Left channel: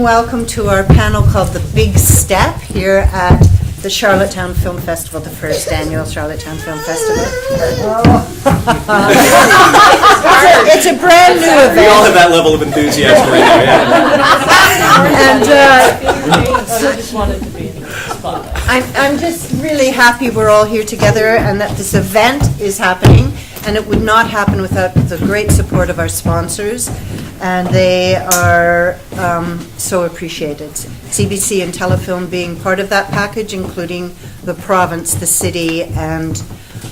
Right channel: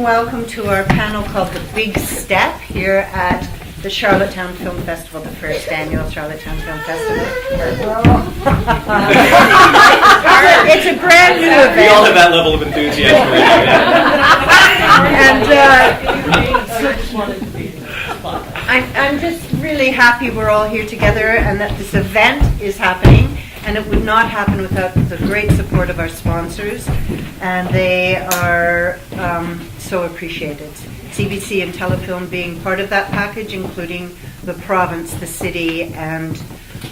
Welcome to our panel called The Big Step here at the Charlottetown Film Festival, the first annual Charlottetown Film Festival. It's a brand new event. We all have that level of enthusiasm right now, yeah. And I just wanted to be in the spotlight. I'm just really happy we're all here together and that this event is happening. And it would not happen without the great support of our sponsors, and they are so appreciated. CBC and Telefilm being part of that package, including the province, the city, and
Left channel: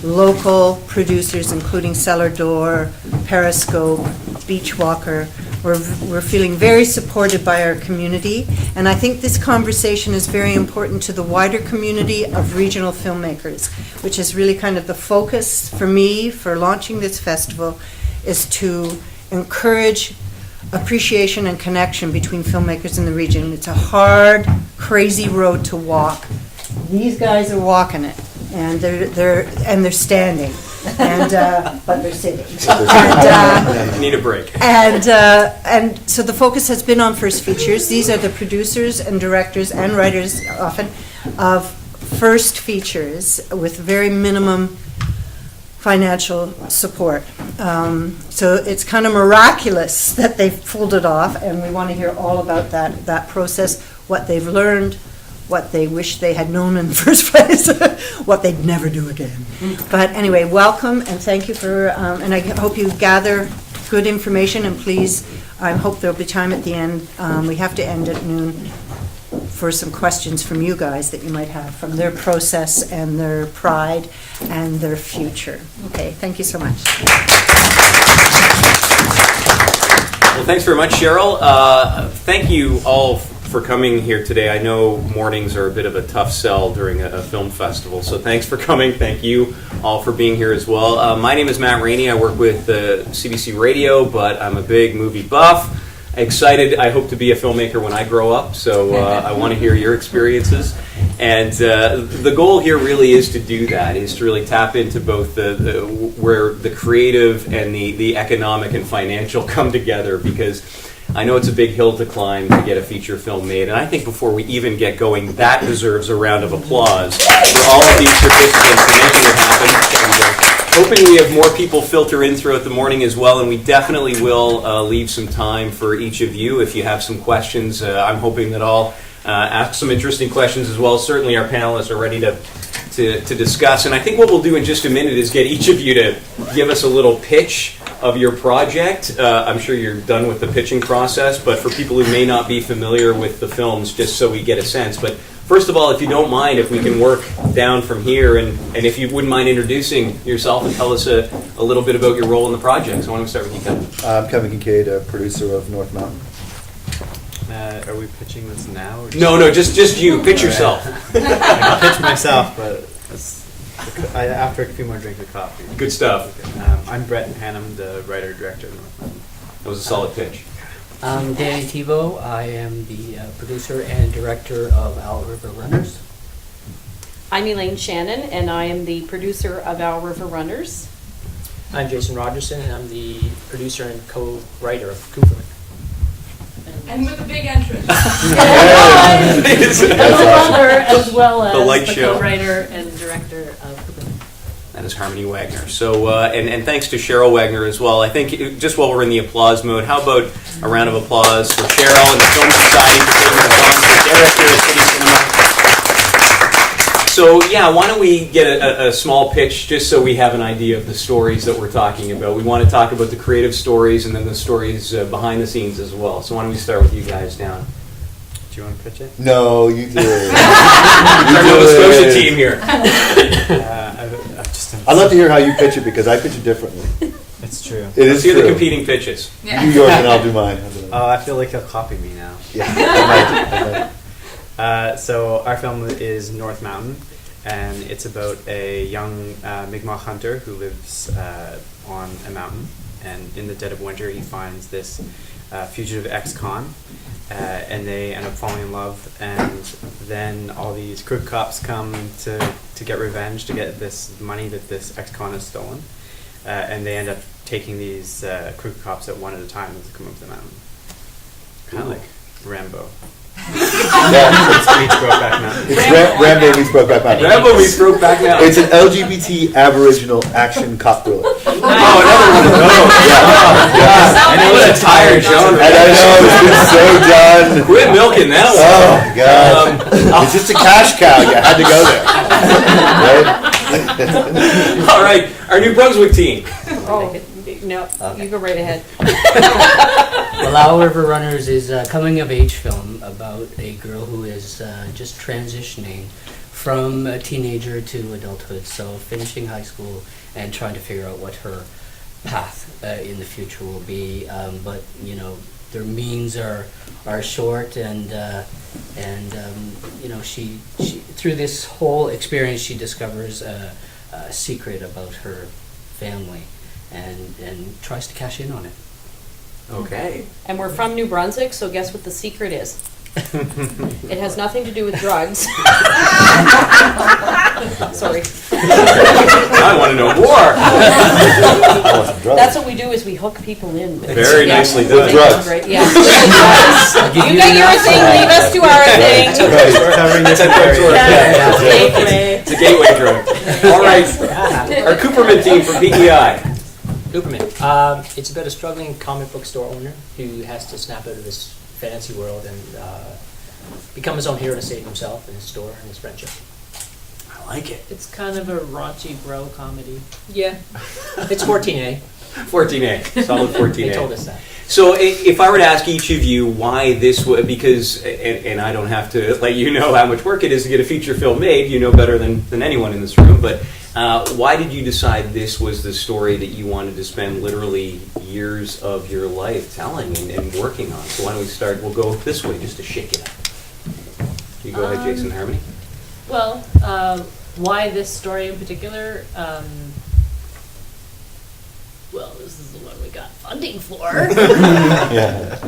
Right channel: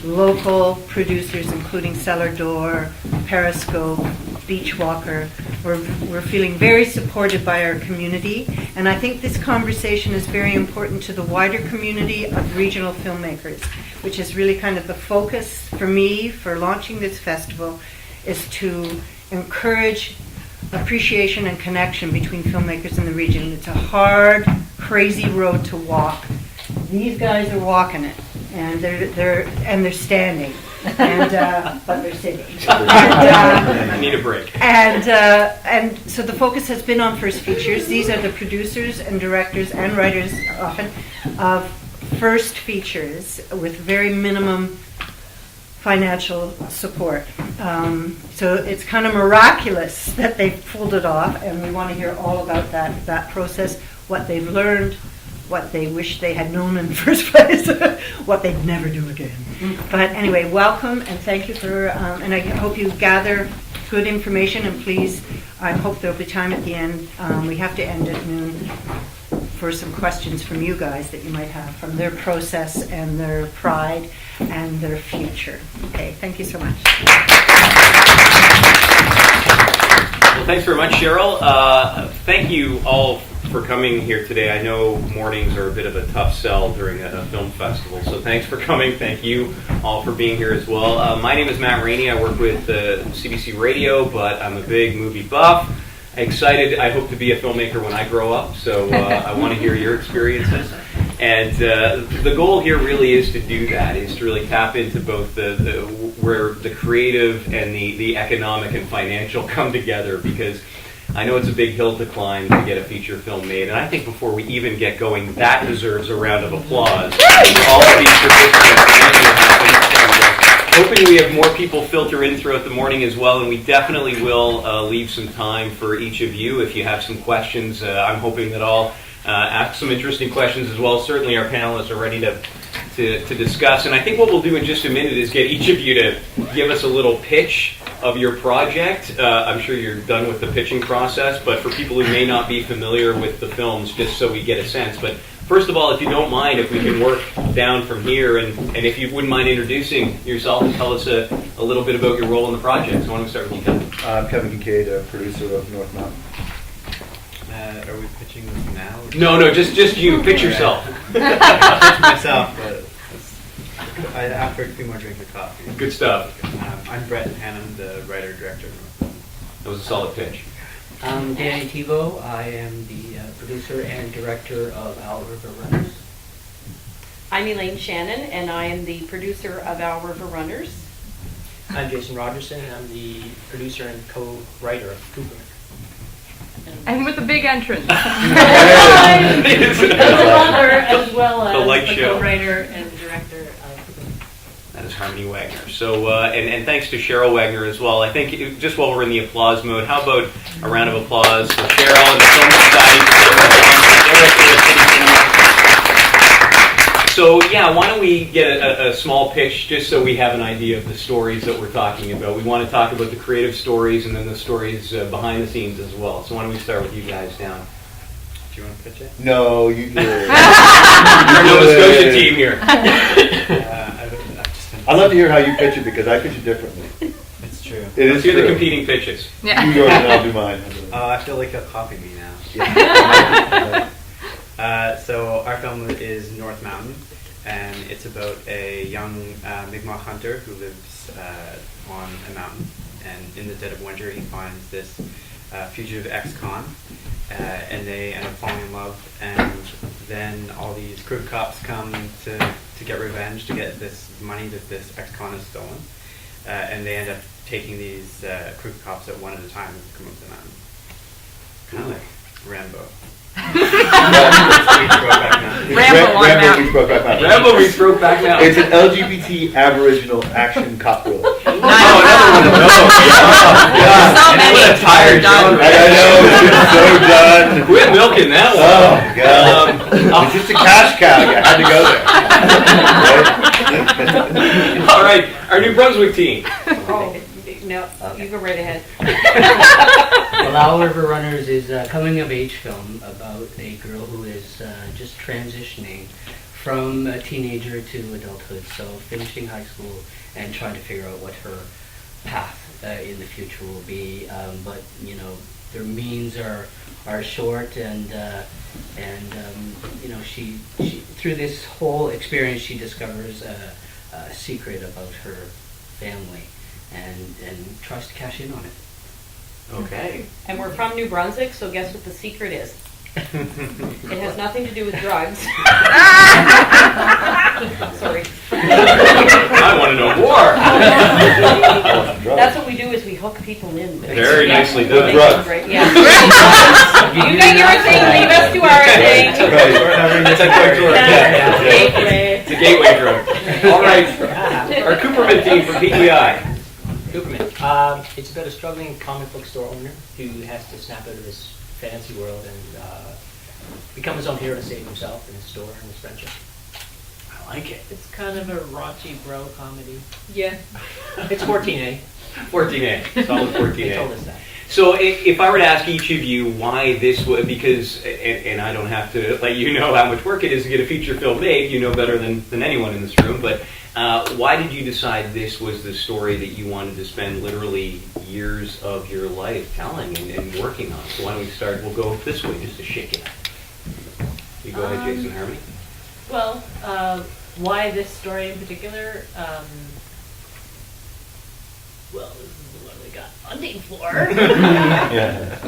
local producers, including Cellar Door, Periscope, Beachwalker. We're feeling very supported by our community, and I think this conversation is very important to the wider community of regional filmmakers, which is really kind of the focus for me for launching this festival, is to encourage appreciation and connection between filmmakers in the region. It's a hard, crazy road to walk. These guys are walking it, and they're standing. But they're sitting. I need a break. And so the focus has been on first features. These are the producers and directors and writers often of first features with very minimum financial support. So it's kind of miraculous that they've pulled it off, and we want to hear all about that process, what they've learned, what they wish they had known in the first place, what they'd never do again. But anyway, welcome, and thank you for, and I hope you gather good information, and please, I hope there'll be time at the end. We have to end at noon for some questions from you guys that you might have from their process and their pride and their future. Okay, thank you so much. Well, thanks very much, Cheryl. Thank you all for coming here today. I know mornings are a bit of a tough sell during a film festival, so thanks for coming. Thank you all for being here as well. My name is Matt Rainnie. I work with CBC Radio, but I'm a big movie buff. Excited. I hope to be a filmmaker when I grow up, so I want to hear your experiences. And the goal here really is to do that, is to really tap into both where the creative and the economic and financial come together, because I know it's a big hill to climb to get a feature film made, and I think before we even get going, that deserves a round of applause for all of these participants and making it happen. Hoping we have more people filter in throughout the morning as well, and we definitely will leave some time for each of you if you have some questions. I'm hoping that I'll ask some interesting questions as well. Certainly our panelists are ready to discuss, and I think what we'll do in just a minute is get each of you to give us a little pitch of your project. I'm sure you're done with the pitching process, but for people who may not be familiar with the films, just so we get a sense. But first of all, if you don't mind, if we can work down from here, and if you wouldn't mind introducing yourself and tell us a little bit about your role in the project. So why don't we start with you, Kevin? I'm Kevin Kincaid, a producer of North Mountain. Are we pitching this now? No, just you. Pitch yourself. I pitch myself, but after a few more drinks of coffee. Good stuff. I'm Brett Hannum, the writer-director of North Mountain. That was a solid pitch. I'm Danny Thibault. I am the producer and director of Owl River Runners. I'm Elaine Shannon, and I am the producer of Owl River Runners. I'm Jason Rogerson, and I'm the producer and co-writer of Cooper. And with a big entrance. As a runner, as well as The light the show. co-writer and director of Cooper. That is Harmony Wagner. So, and thanks to Cheryl Wagner as well. I think just while we're in the applause mode, how about a round of applause for Cheryl and the Film Society for Cinema. So, yeah, why don't we get a small pitch just so we have an idea of the stories that we're talking about. We want to talk about the creative stories and then the stories behind the scenes as well. So why don't we start with you guys down? Do you want to pitch it? No, you did. Who's the team here? I'd love to hear how you pitch it, because I pitch it differently. It's true. It Let's is hear true. the competing pitches. Yeah. You yours and I'll do mine. Oh, I feel like he'll copy me now. Yeah. So our film is North Mountain, and it's about a young Mi'kmaq hunter who lives on a mountain, and in the dead of winter he finds this fugitive ex-con, and they end up falling in love, and then all these crook cops come to get revenge, to get this money that this ex-con has stolen, and they end up taking these crook cops at one at a time as they come up the mountain. Kind of like Rambo. Meets Brokeback Mountain. It's Rambo meets Brokeback Mountain. Rambo we throw back now. It's an LGBT Aboriginal action cop thriller. I know that's tired. And I know it's been so done. Quit milking that Oh one. God! It's just a cash cow. You had to go there, right? All right, our New Brunswick team. Oh, no, you go right ahead. Well, Owl River Runners is a coming-of-age film about a girl who is just transitioning from a teenager to adulthood, so finishing high school and trying to figure out what her path in the future will be. But you know, their means are short, and you know, she through this whole experience she discovers a secret about her family, and tries to cash in on it. Okay. And we're from New Brunswick, so guess what the secret is? It has nothing to do with drugs. Sorry. I want to know more. That's what we do, is we hook people in with Very nicely done. With drugs. Right, yeah. You got your thing, leave us to our thing. We're covering this in area. Yeah, gateway. It's a gateway drug. All right. Our Cooperman team from PEI. Cooperman. It's about a struggling comic book store owner who has to snap out of his fantasy world and become his own hero to save himself and his store and his friendship. I like it. It's kind of a raunchy bro comedy. Yeah. It's 14A. 14A. Solid 14A. They told us that. So if I were to ask each of you why this would, because, and I don't have to let you know how much work it is to get a feature film made, you know better than anyone in this room, but why did you decide this was the story that you wanted to spend literally years of your life telling and working on? So why don't we start, we'll go this way just to shake it up. You go ahead, Jason Harmony. Well, why this story in particular? Well, this is the one we got funding for. Yeah.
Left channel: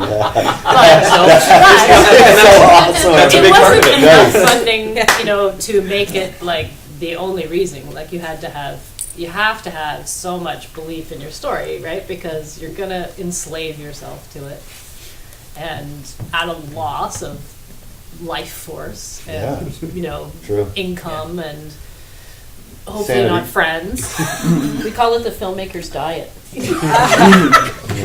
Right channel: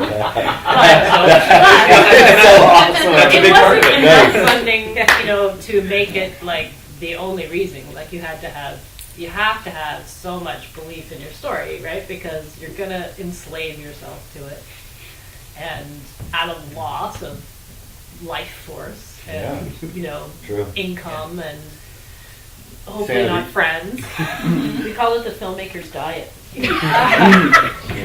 That's a It big part of wasn't it. enough Nice. funding, you know, to make it like the only reason. Like you have to have so much belief in your story, right? Because you're gonna enslave yourself to it, and at a loss of life force and you know, True. income and hopefully Sanity. not friends. We call it the filmmaker's diet.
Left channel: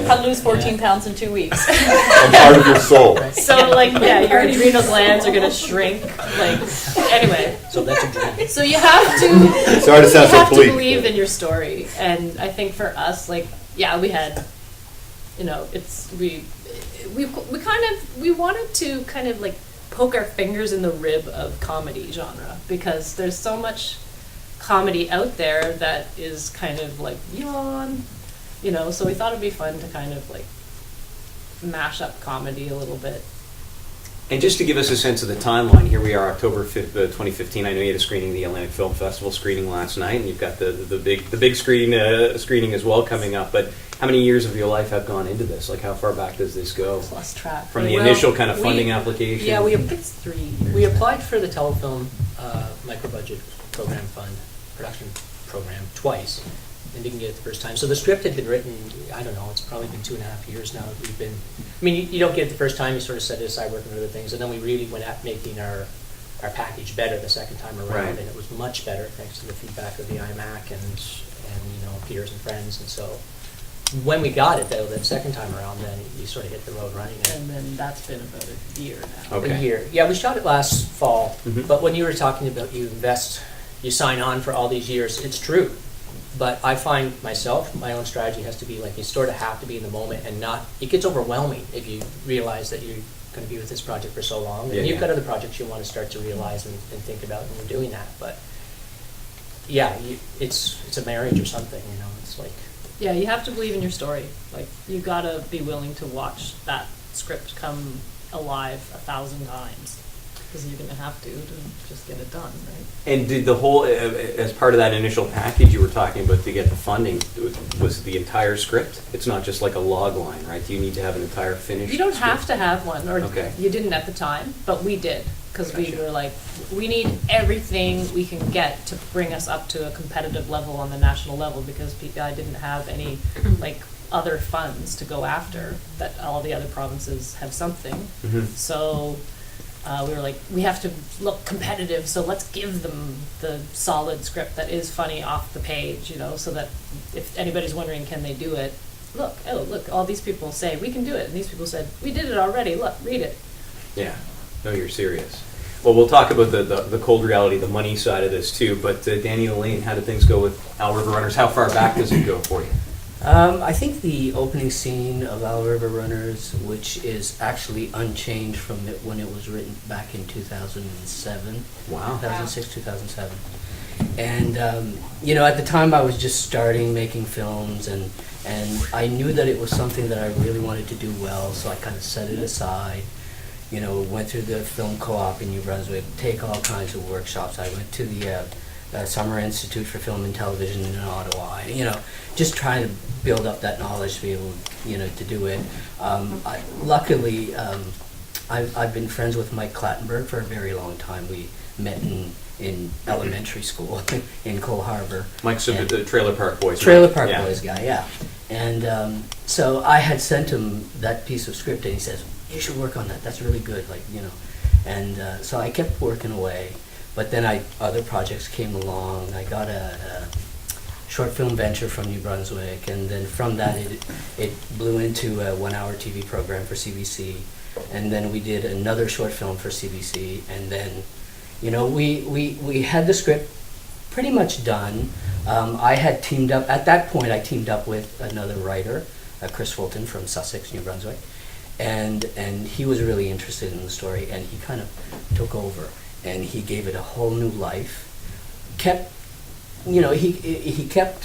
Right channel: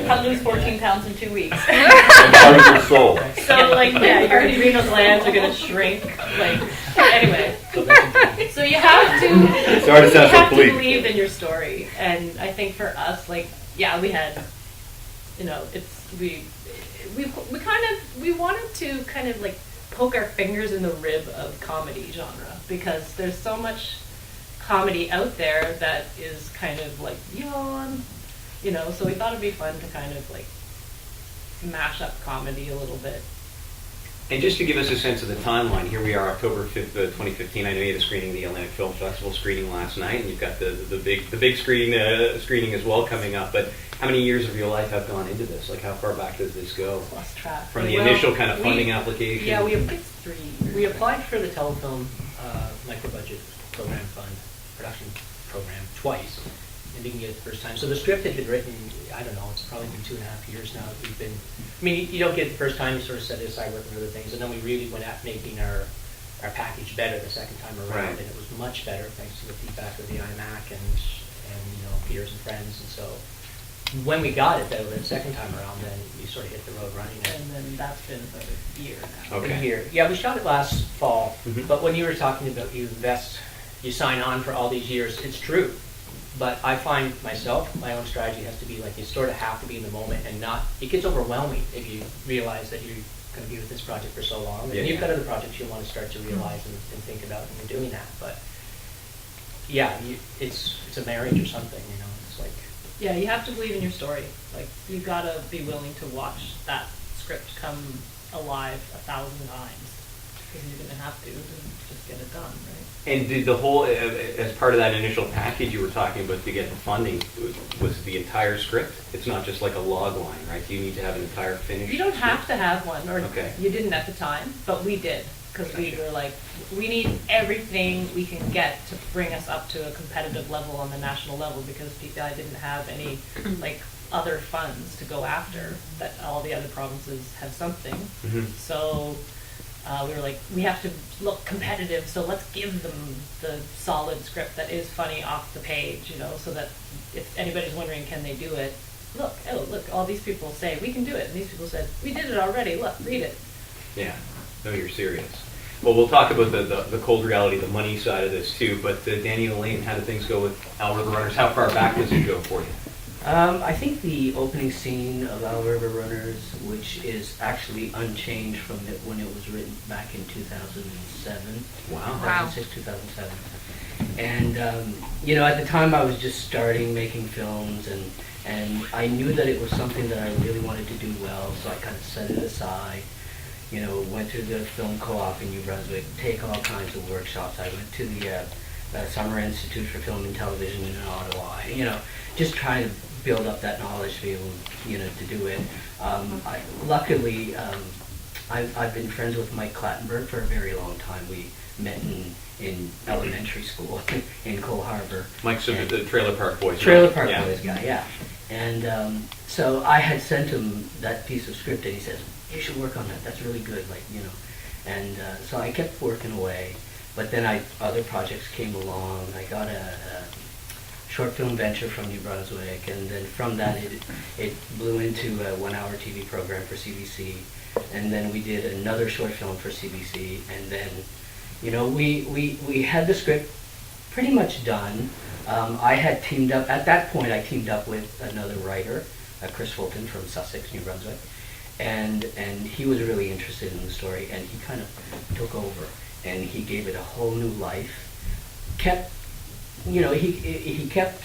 How to lose 14 pounds in 2 weeks. And part of your soul. So like, yeah, your adrenal glands are gonna shrink. Like, anyway. So that's a dream. So you have to. Sorry to sound you so have to bleak. believe in your story, and I think for us, like, yeah, we had, you know, we wanted to kind of like poke our fingers in the rib of comedy genre, because there's so much comedy out there that is kind of like yawn, you know. So we thought it'd be fun to kind of like mash up comedy a little bit. And just to give us a sense of the timeline, here we are, October 5th, 2015. I know you had a screening, the Atlantic Film Festival screening last night, and you've got the big screening as well coming up. But how many years of your life have gone into this? Like, how far back does this go? Lost track. From the initial kind of funding application? Yeah, It's 3 years. we applied for the telefilm micro-budget program fund production program twice and didn't get it the first time. So the script had been written, I don't know, it's probably been 2.5 years now that we've been, I mean, you don't get it the first time, you sort of set it aside working on other things, and then we really went at making our package better the second time around, Right. and it was much better thanks to the feedback of the iMac and you know, peers and friends. And so when we got it though, the second time around, then we sort of hit the road running. And then that's been about a year now. Okay. A year. Yeah, we shot it last fall. Mhm. But when you were talking about you sign on for all these years, it's true. But I find myself, my own strategy has to be like, you sort of have to be in the moment and not, it gets overwhelming if you realize that you're going to be with this project for so long. Yeah, And you've yeah. got other projects you want to start to realize and think about when you're doing that. But yeah, it's a marriage or something, you know, it's like. Yeah, you have to believe in your story. Like, you gotta be willing to watch that script come alive 1,000 times. because you're going to have to just get it done, right? And did the whole, as part of that initial package you were talking about to get the funding, was the entire script? It's not just like a log line, right? Do you need to have an entire finished You don't script? have to have one, or Okay. you didn't at the time, but we did, because we Gotcha. were like, we need everything we can get to bring us up to a competitive level on the national level, because I didn't have any, like, other funds to go after, that all the other provinces have something. Mhm. So we were like, we have to look competitive, so let's give them the solid script that is funny off the page, you know, so that if anybody's wondering, can they do it? Look, all these people say, we can do it. And these people said, we did it already. Look, read it. Yeah. No, you're serious. Well, we'll talk about the cold reality, the money side of this too, but Danny Elaine, how did things go with Owl River Runners? How far back does it go for you? I think the opening scene of Owl River Runners, which is actually unchanged from when it was written back in 2007. Wow. 2006, 2007. And, at the time I was just starting making films, and I knew that it was something that I really wanted to do well, so I kind of set it aside. Went through the film co-op in New Brunswick, take all kinds of workshops. I went to the Summer Institute for Film and Television in Ottawa. Just trying to build up that knowledge to be able, to do it. Luckily, I've been friends with Mike Clattenburg for a very long time. We met in elementary school in Cole Harbour. Mike's the Trailer Park Boys. Trailer right? Park Yeah. Boys guy, yeah. And so I had sent him that piece of script, and he says, you should work on that. That's really good, And so I kept working away. But then other projects came along. I got a short film venture from New Brunswick, and then from that it blew into a 1-hour TV program for CBC, and then we did another short film for CBC, and then we had the script pretty much done. I had teamed up at that point. I teamed up with another writer, Chris Fulton from Sussex, New Brunswick, and he was really interested in the story, and he kind of took over. And he gave it a whole new life. He kept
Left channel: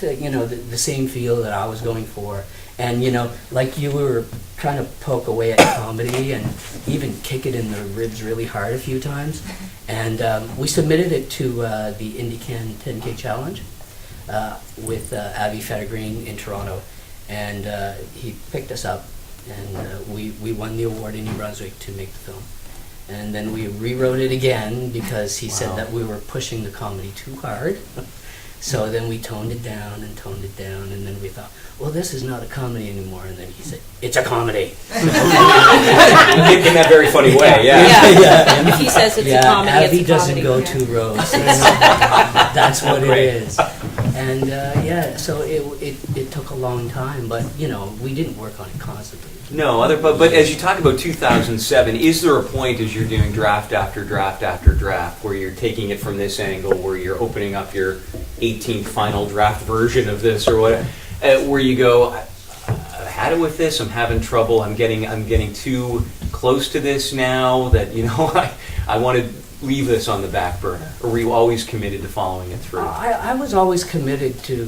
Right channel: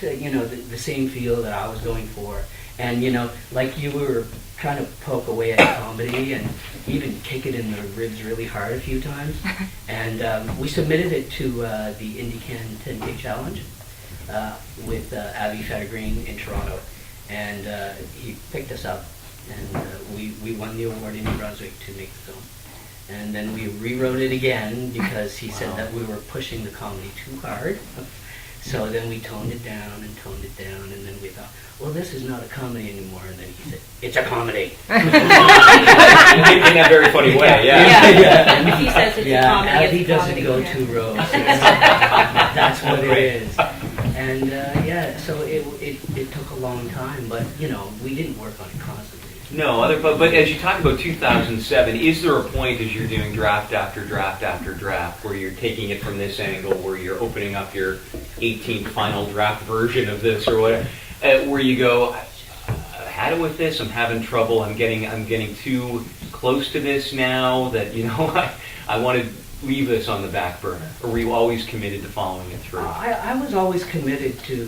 the same feel that I was going for, and like you were trying to poke away at comedy and even kick it in the ribs really hard a few times. And we submitted it to the IndyCan 10K Challenge with Avi Fettergreen in Toronto, and he picked us up, and we won the award in New Brunswick to make the film. And then we rewrote it again because he said that we were pushing the comedy too hard. So then we toned it down, and then we thought, well, this is not a comedy anymore. And then he said, it's a comedy. In that very funny way, yeah. If he says it's a comedy, Avi it's a doesn't comedy. go two roads. That's what it is. And so it took a long time, but we didn't work on it constantly. No, but as you talk about 2007, is there a point as you're doing draft after draft after draft where you're taking it from this angle, where you're opening up your 18th final draft version of this or what, where you go, I've had it with this, I'm having trouble, I'm getting too close to this now that I want to leave this on the back burner, or were you always committed to following it through? I was always committed to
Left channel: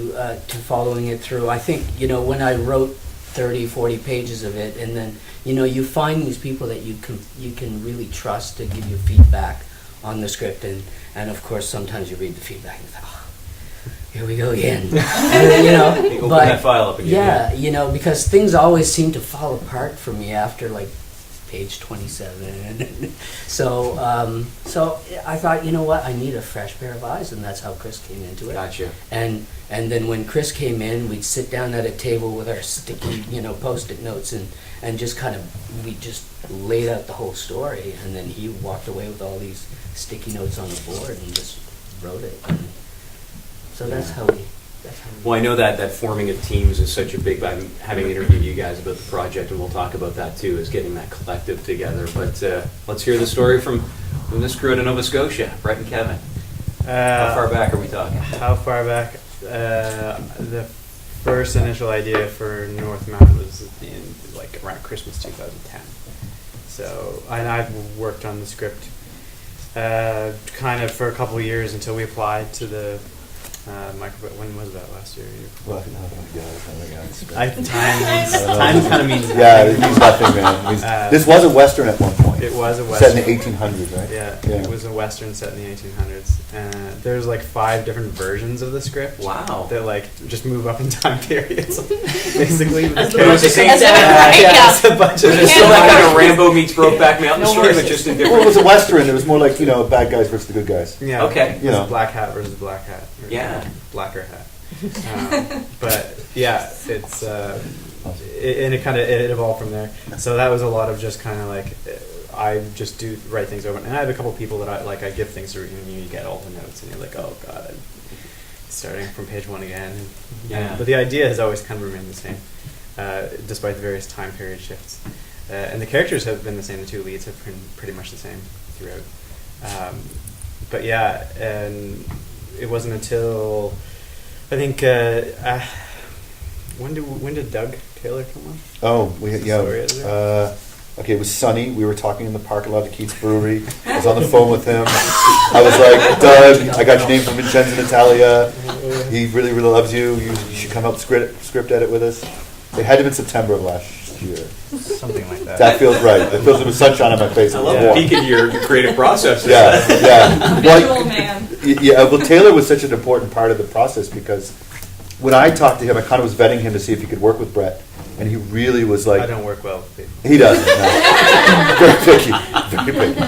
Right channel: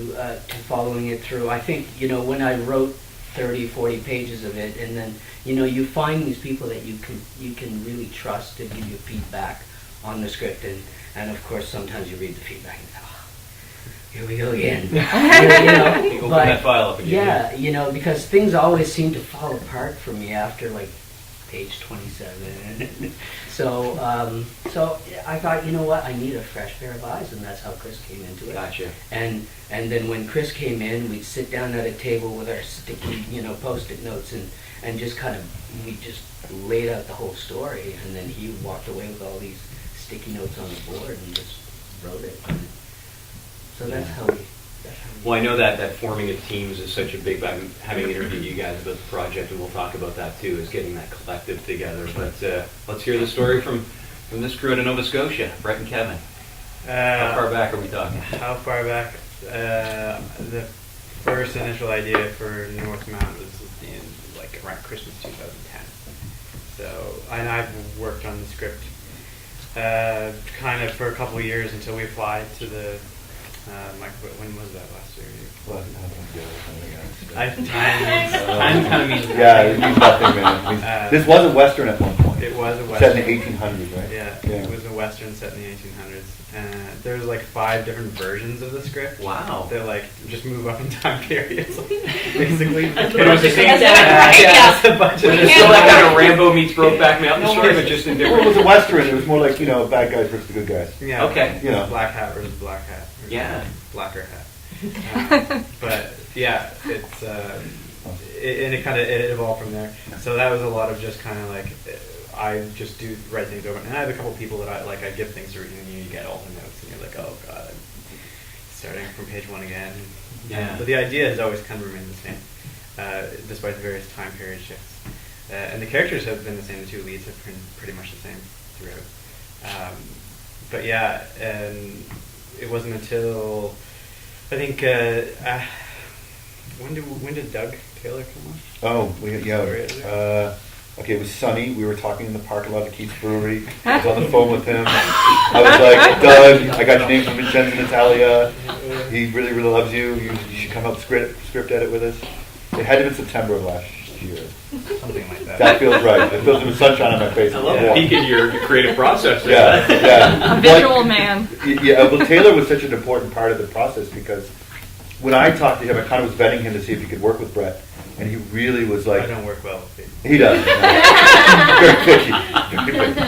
following it through. I think when I wrote 30, 40 pages of it, and then you find these people that you can really trust to give you feedback on the script, and of course sometimes you read the feedback and think, oh, here we go again. You open but that file up again. yeah, because things always seem to fall apart for me after like page 27. So I thought, what, I need a fresh pair of eyes, and that's how Chris came into it. Gotcha. And then when Chris came in, we'd sit down at a table with our sticky, Post-it notes, and just we just laid out the whole story, and then he walked away with all these sticky notes on the board and just wrote it. So that's how we. Well, I know that forming of teams is such a big. I'm having interviewed you guys about the project, and we'll talk about that too, is getting that collective together. But let's hear the story from this crew out of Nova Scotia, Brett and Kevin. How far back are we talking? How far back? The first initial idea for North Mountain was around Christmas 2010. So I've worked on the script kind of for a couple of years until we applied to the when was that, last year? Oh my God. Time kind of means Yeah, it means nothing, man. This was a Western at one point. It was a Set western. in the 1800s, right? Yeah, Yeah. it was a western set in the 1800s. There's like 5 different versions of the script. Wow. That like just move up in time periods. Basically, with As the the characters. budget- as the- Yeah, it's a bunch of Is it still like a Rambo meets Brokeback Mountain story, but just in Well, it different? was a western. It was more like, bad guys versus the good guys. Yeah. Okay. It You was know. black hat versus black hat. Or Yeah. Blacker hat. But yeah, it's and it evolved from there. So that was a lot of just kind of like I just do write things over, and I have a couple people that I give things to read, and you get all the notes, and you're like, oh god, I'm starting from page 1 again. Yeah. But the idea has always kind of remained the same, despite the various time period shifts. And the characters have been the same. The 2 leads have been pretty much the same throughout. But yeah, and it wasn't until I think when did Doug Taylor come on? Oh, Sorry, is it? Okay, it was sunny. We were talking in the parking lot of Keats Brewery. I was on the phone with him. I was like, Doug, I got your name from Vincenzo Natalia. He really, really loves you. You should come up script edit with us. It had to have been September of last year. Something like that. That feels right. It feels like the sunshine on my face. It I was love warm. the peek in your creative process. Yeah, yeah. Visual man. Yeah, well, Taylor was such an important part of the process because when I talked to him, I kind of was vetting him to see if he could work with Brett, and he really was like, I don't work well with people. he doesn't. No. Very picky, very picky.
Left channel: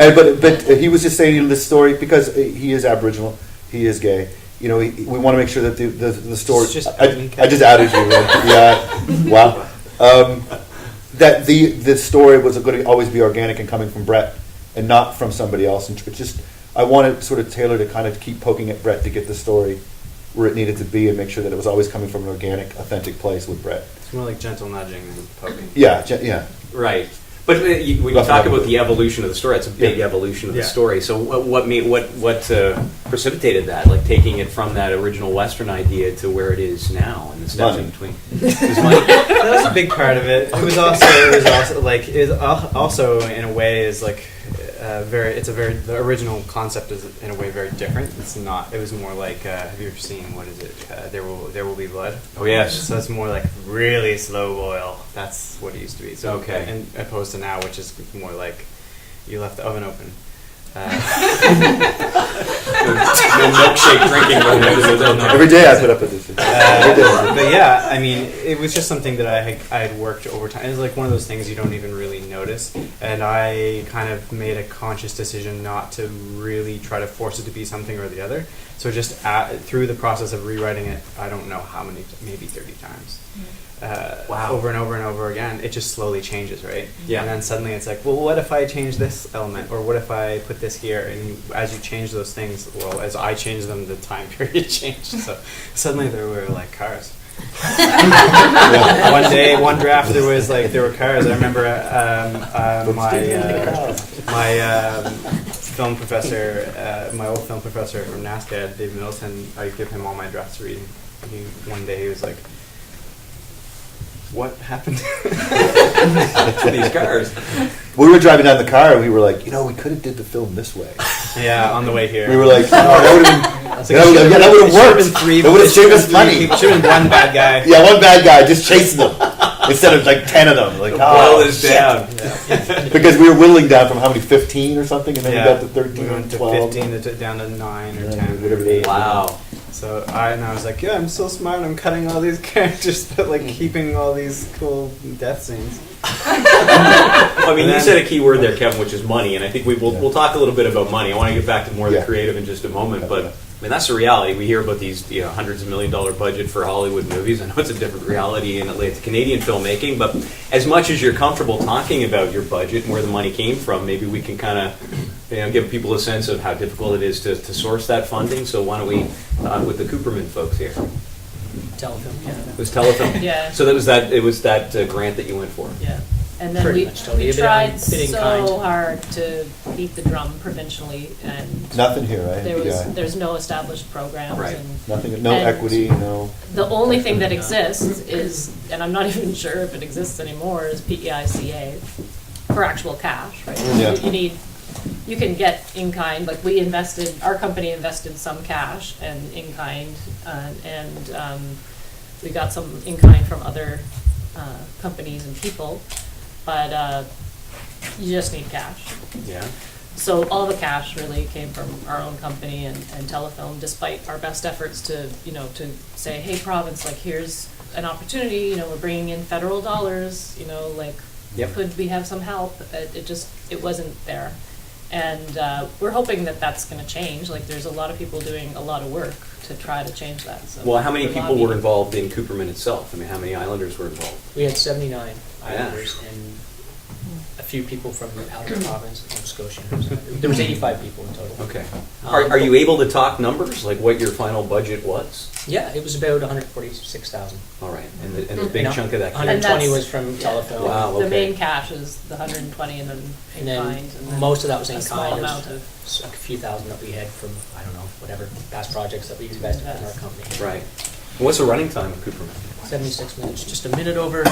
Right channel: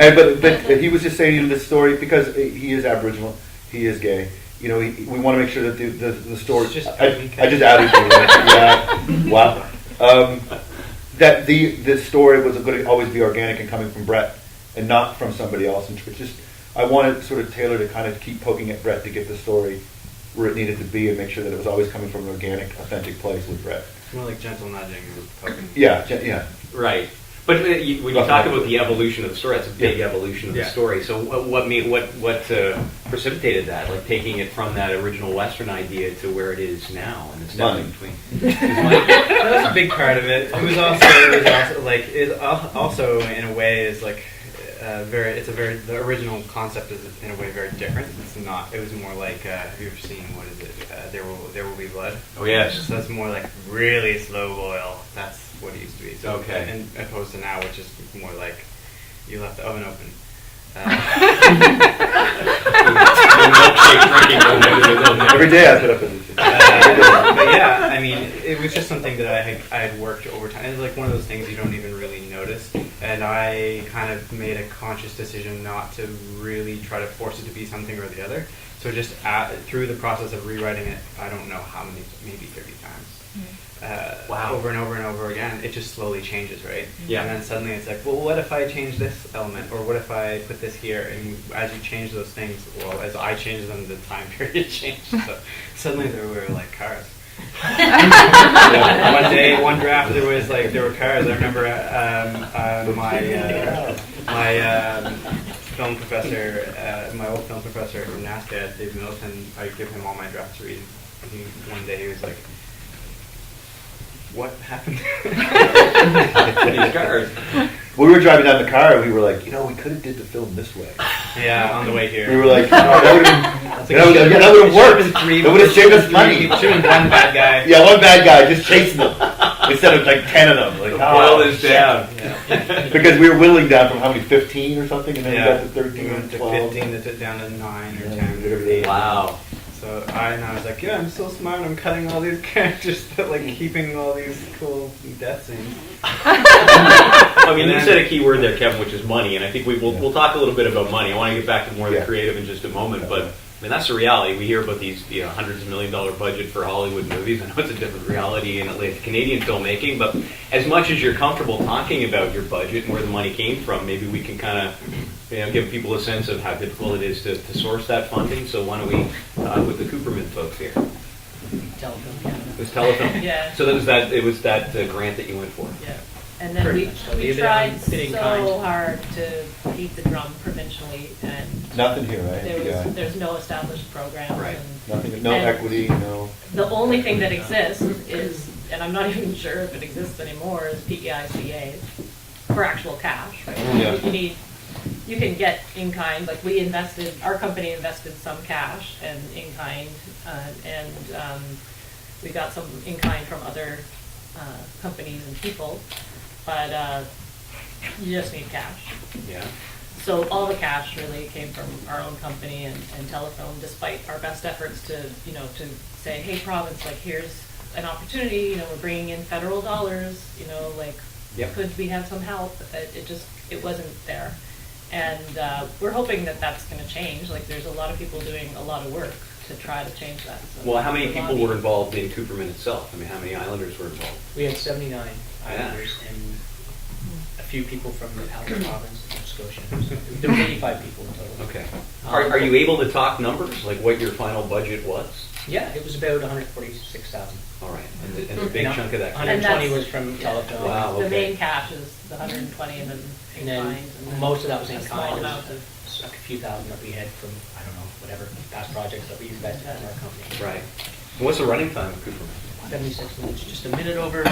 And, but he was just saying this story because he is Aboriginal, he is gay. We want to make sure that the story. It's just I just outed you. Right? Yeah. Wow. That the story was going to always be organic and coming from Brett and not from somebody else. And it's just I wanted sort of Taylor to kind of keep poking at Brett to get the story where it needed to be and make sure that it was always coming from an organic, authentic place with Brett. It's more like gentle nudging than poking. Yeah, yeah. Right. But when you Rough talk enough. about the evolution of the story, that's a big Yeah. evolution of the Yeah. story. So what precipitated that? Like taking it from that original Western idea to where it is now, and the steps Money. in between. Is money? That was a big part of it. It was also in a way is like the original concept is in a way very different. It's not. It was more like have you ever seen what is it? There will be blood. Oh yes. So it's more like really slow boil. That's what it used to be. So Okay. and opposed to now, which is more like you left the oven open. Milkshake drinking room, everything's in there. Every day I put up with this. Every day. But yeah, I mean, it was just something that I had worked over time. It's like one of those things you don't even really notice. And I kind of made a conscious decision not to really try to force it to be something or the other. So just through the process of rewriting it, I don't know how many, maybe 30 times. Wow. Over and over and over again, it just slowly changes, right? Yeah. And then suddenly it's like, well, what if I change this element, or what if I put this here? And as you change those things, well, as I change them, the time period changed. So suddenly there were like cars. One day, one draft, there were cars. I remember my film professor, my old film professor from NASCAD, David Middleton. I give him all my drafts to read. And one day he was like, what happened? These cars. We were driving down the car and we were like, we could have did the film this way. Yeah, on the way here. We were like, that would have been, that would have worked. That would have saved us money. Should have been one bad guy. Yeah, one bad guy just chasing them instead of like 10 of them. Like, All oh, this shit. down. Because we were whittling down from how many, 15 or something, and then we got to 13 we or went to 12. 15 down to 9 or Yeah, 10. whatever it is. Wow. So I was like, yeah, I'm so smart. I'm cutting all these characters, but like keeping all these cool death scenes. I mean, And you then- said a key word there, Kevin, which is money, and I think we'll talk a little bit about money. I want to get back to more of the Yeah. creative in just a moment, but I mean that's the reality. We hear about these hundreds of $1 million budget for Hollywood movies. I know it's a different reality in Canadian filmmaking, but as much as you're comfortable talking about your budget and where the money came from, maybe we can kind of give people a sense of how difficult it is to source that funding. So why don't we talk with the Cooperman folks here? Telefilm Canada. It was Telefilm. Yeah. So it was that grant that you went for. Yeah. And then Pretty we much so. Be a bit tried in so kind. hard to beat the drum provincially, and Nothing here, right? there's no established programs. Right. And Nothing, no and equity, no. the only thing that exists is, and I'm not even sure if it exists anymore, is PEICA for actual cash. Right? Yeah. You can get in kind. Like our company invested some cash and in kind, and we got some in kind from other companies and people. But you just need cash. Yeah. So all the cash really came from our own company and Telefilm, despite our best efforts to, to say, hey, province, like, here's an opportunity, we're bringing in federal dollars, Yep. could we have some help? It wasn't there. And we're hoping that that's going to change. Like, there's a lot of people doing a lot of work to try to change that. So Well, how many we're people lobbying. were involved in Cooperman itself? I mean, how many Islanders were involved? We had 79 Yeah. Islanders and a few people from the outer province, Nova Scotia. There was 85 people in total. Okay. Are you able to talk numbers, like what your final budget was? Yeah, it was about 146,000. All right, and the big chunk of that came. 120 And was from yeah. Telefilm. Wow. The okay. main cash is the 120 and then in And then kind. And then most of that was in a small kind. amount There of was a few thousand that we had from, I don't know, whatever past projects that we used guys in our company. Right. And what's the running time of Cooperman? 76 minutes, just a minute over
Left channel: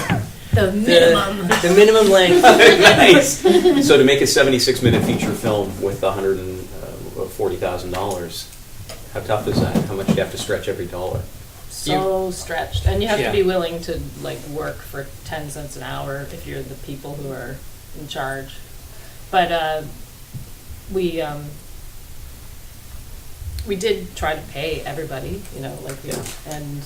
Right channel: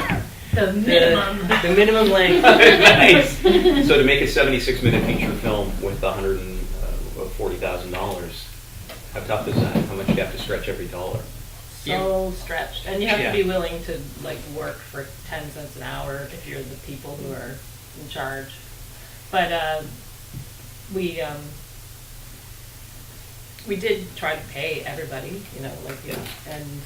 the minimum. the minimum length. Nice. So to make a 76-minute feature film with $140,000, how tough is that? How much do you have to stretch every dollar? So stretched, and you have Yeah. to be willing to work for 10 cents an hour if you're the people who are in charge. But we did try to pay everybody, and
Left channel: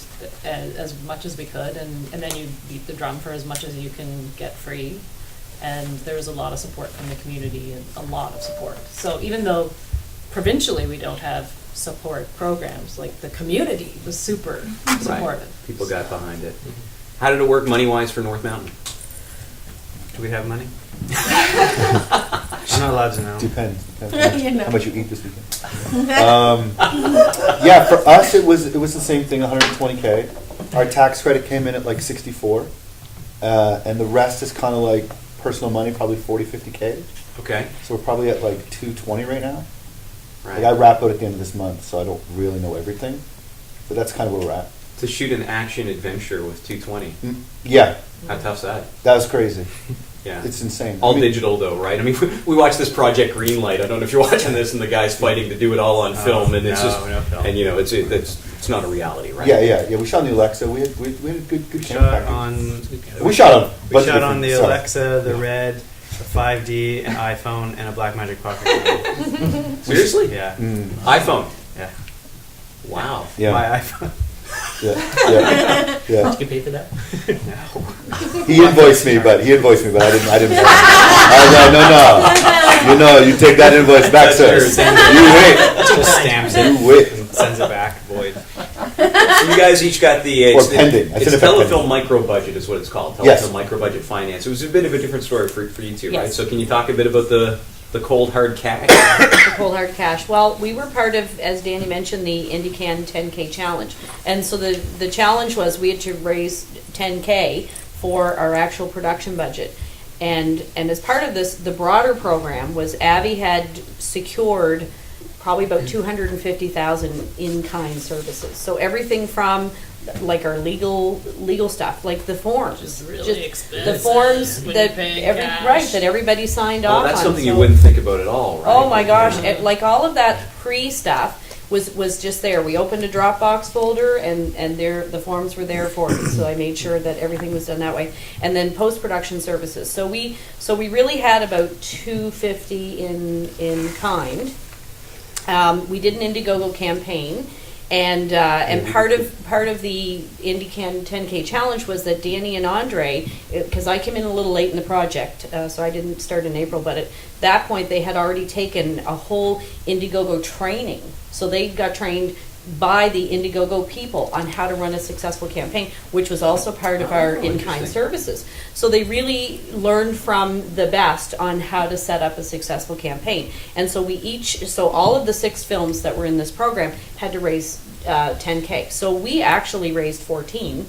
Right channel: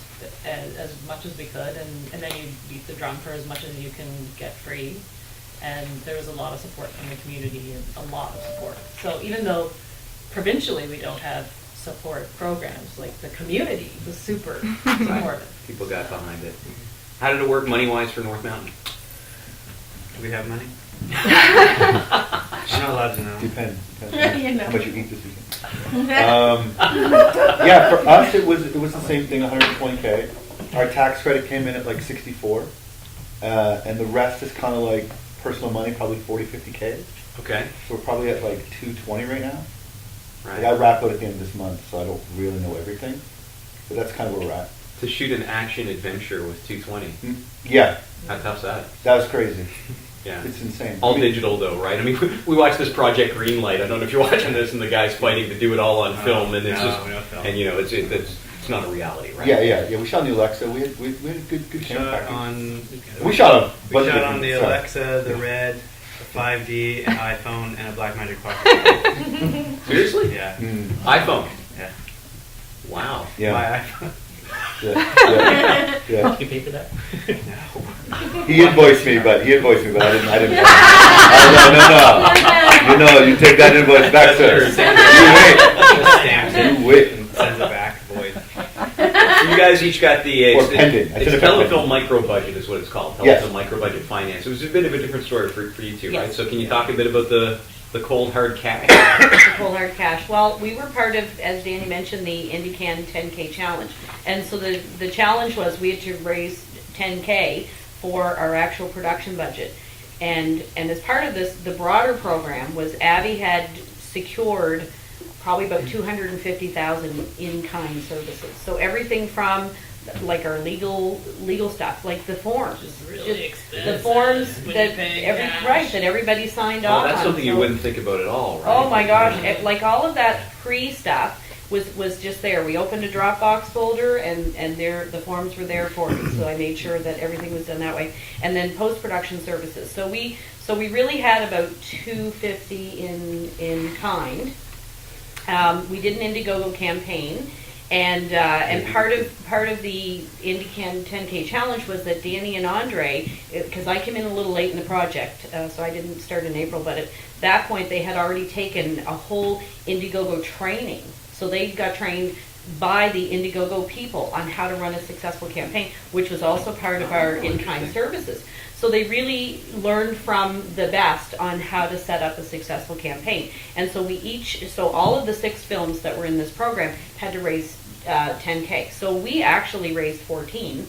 as much as we could, and then you beat the drum for as much as you can get free. And there was a lot of support from the community, and a lot of support. So even though provincially we don't have support programs, the community was super supportive. Right. People got behind it. How did it work money-wise for North Mountain? Do we have money? I'm not allowed to know. Depends. You know. How much you eat this weekend. Yeah, for us it was the same thing, 120K. Our tax credit came in at 64, and the rest is kind of like personal money, probably 40, 50K. Okay. So we're probably at 220 right now. I wrap out at the end of this month, so I don't really know everything, but that's kind of where we're at. To shoot an action adventure with 220. Yeah, How tough's that? that was crazy. Yeah. It's insane. All digital though, right? I mean, we watched this Project Greenlight. I don't know if you're watching this, and the guy's fighting to do it all on film, and it's no, just, we don't film. and it's not a reality, right? Yeah. We shot on the Alexa. We had a good We camera shot package. on. We shot on. a We bunch of shot on the different- sorry. Alexa, the Red, the 5D, an iPhone, and a Blackmagic Pocket Camera. Seriously? Yeah. iPhone. Yeah. Wow. Yeah. My iPhone. Yeah. Yeah. Did you pay for that? He invoiced me, but I didn't. No. You take that invoice back, sir. That's Just stamps it You wait. and sends it back void. You guys each got the Or pending. I It's said if I Telefilm pending. micro budget is what it's called. Telefilm Yes. micro budget finance. It was a bit of a different story for you two, right? Yes. So can you talk a bit about the cold hard cash? The cold hard cash. Well, we were part of, as Danny mentioned, the IndyCan 10K challenge, and so the challenge was we had to raise 10K for our actual production budget, and as part of this, the broader program was Abby had secured probably about 250,000 in-kind services. So everything from our legal stuff, like the forms, Which is really just expensive the forms when that you pay cash. that everybody signed Well, off that's on. something you So- wouldn't think about at all, right? Oh my gosh! All of that pre-stuff was just there. We opened a Dropbox folder, and the forms were there for us. So I made sure that everything was done that way. And then post-production services. So we really had about 250 in kind. We did an Indiegogo campaign. And part of the IndyCan 10K challenge was that Danny and Andre, because I came in a little late in the project, so I didn't start in April, but at that point they had already taken a whole Indiegogo training. So they got trained by the Indiegogo people on how to run a successful campaign, which was also part of our in-kind services. So they really learned from the best on how to set up a successful campaign. And so all of the 6 films that were in this program had to raise 10K. So we actually raised 14.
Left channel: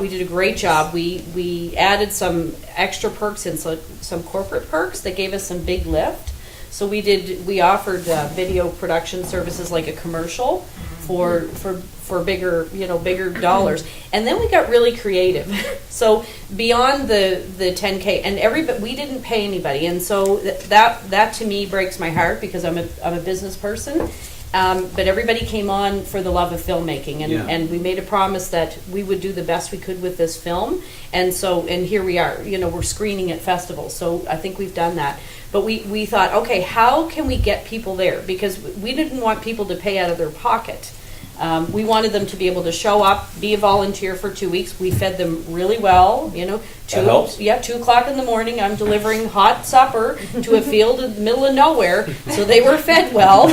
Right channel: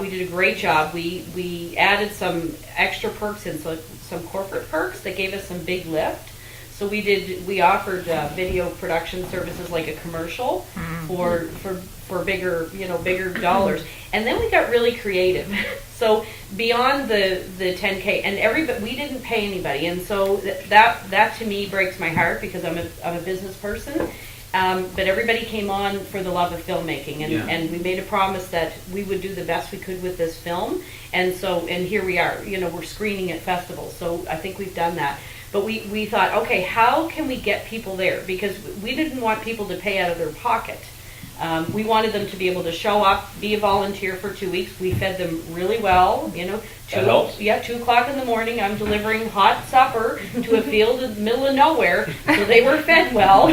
We did a great job. We added some extra perks and some corporate perks that gave us some big lift. So we offered video production services like a commercial for bigger dollars. And then we got really creative. So beyond the 10K, and we didn't pay anybody. And so that to me breaks my heart because I'm a business person. but everybody came on for the love of filmmaking, and, Yeah. and we made a promise that we would do the best we could with this film, and here we are, we're screening at festivals, so I think we've done that. But we thought, okay, how can we get people there? Because we didn't want people to pay out of their pocket. We wanted them to be able to show up, be a volunteer for 2 weeks. We fed them really well, That helps. 2:00 in the morning, I'm delivering hot supper to a field in the middle of nowhere, so they were fed well.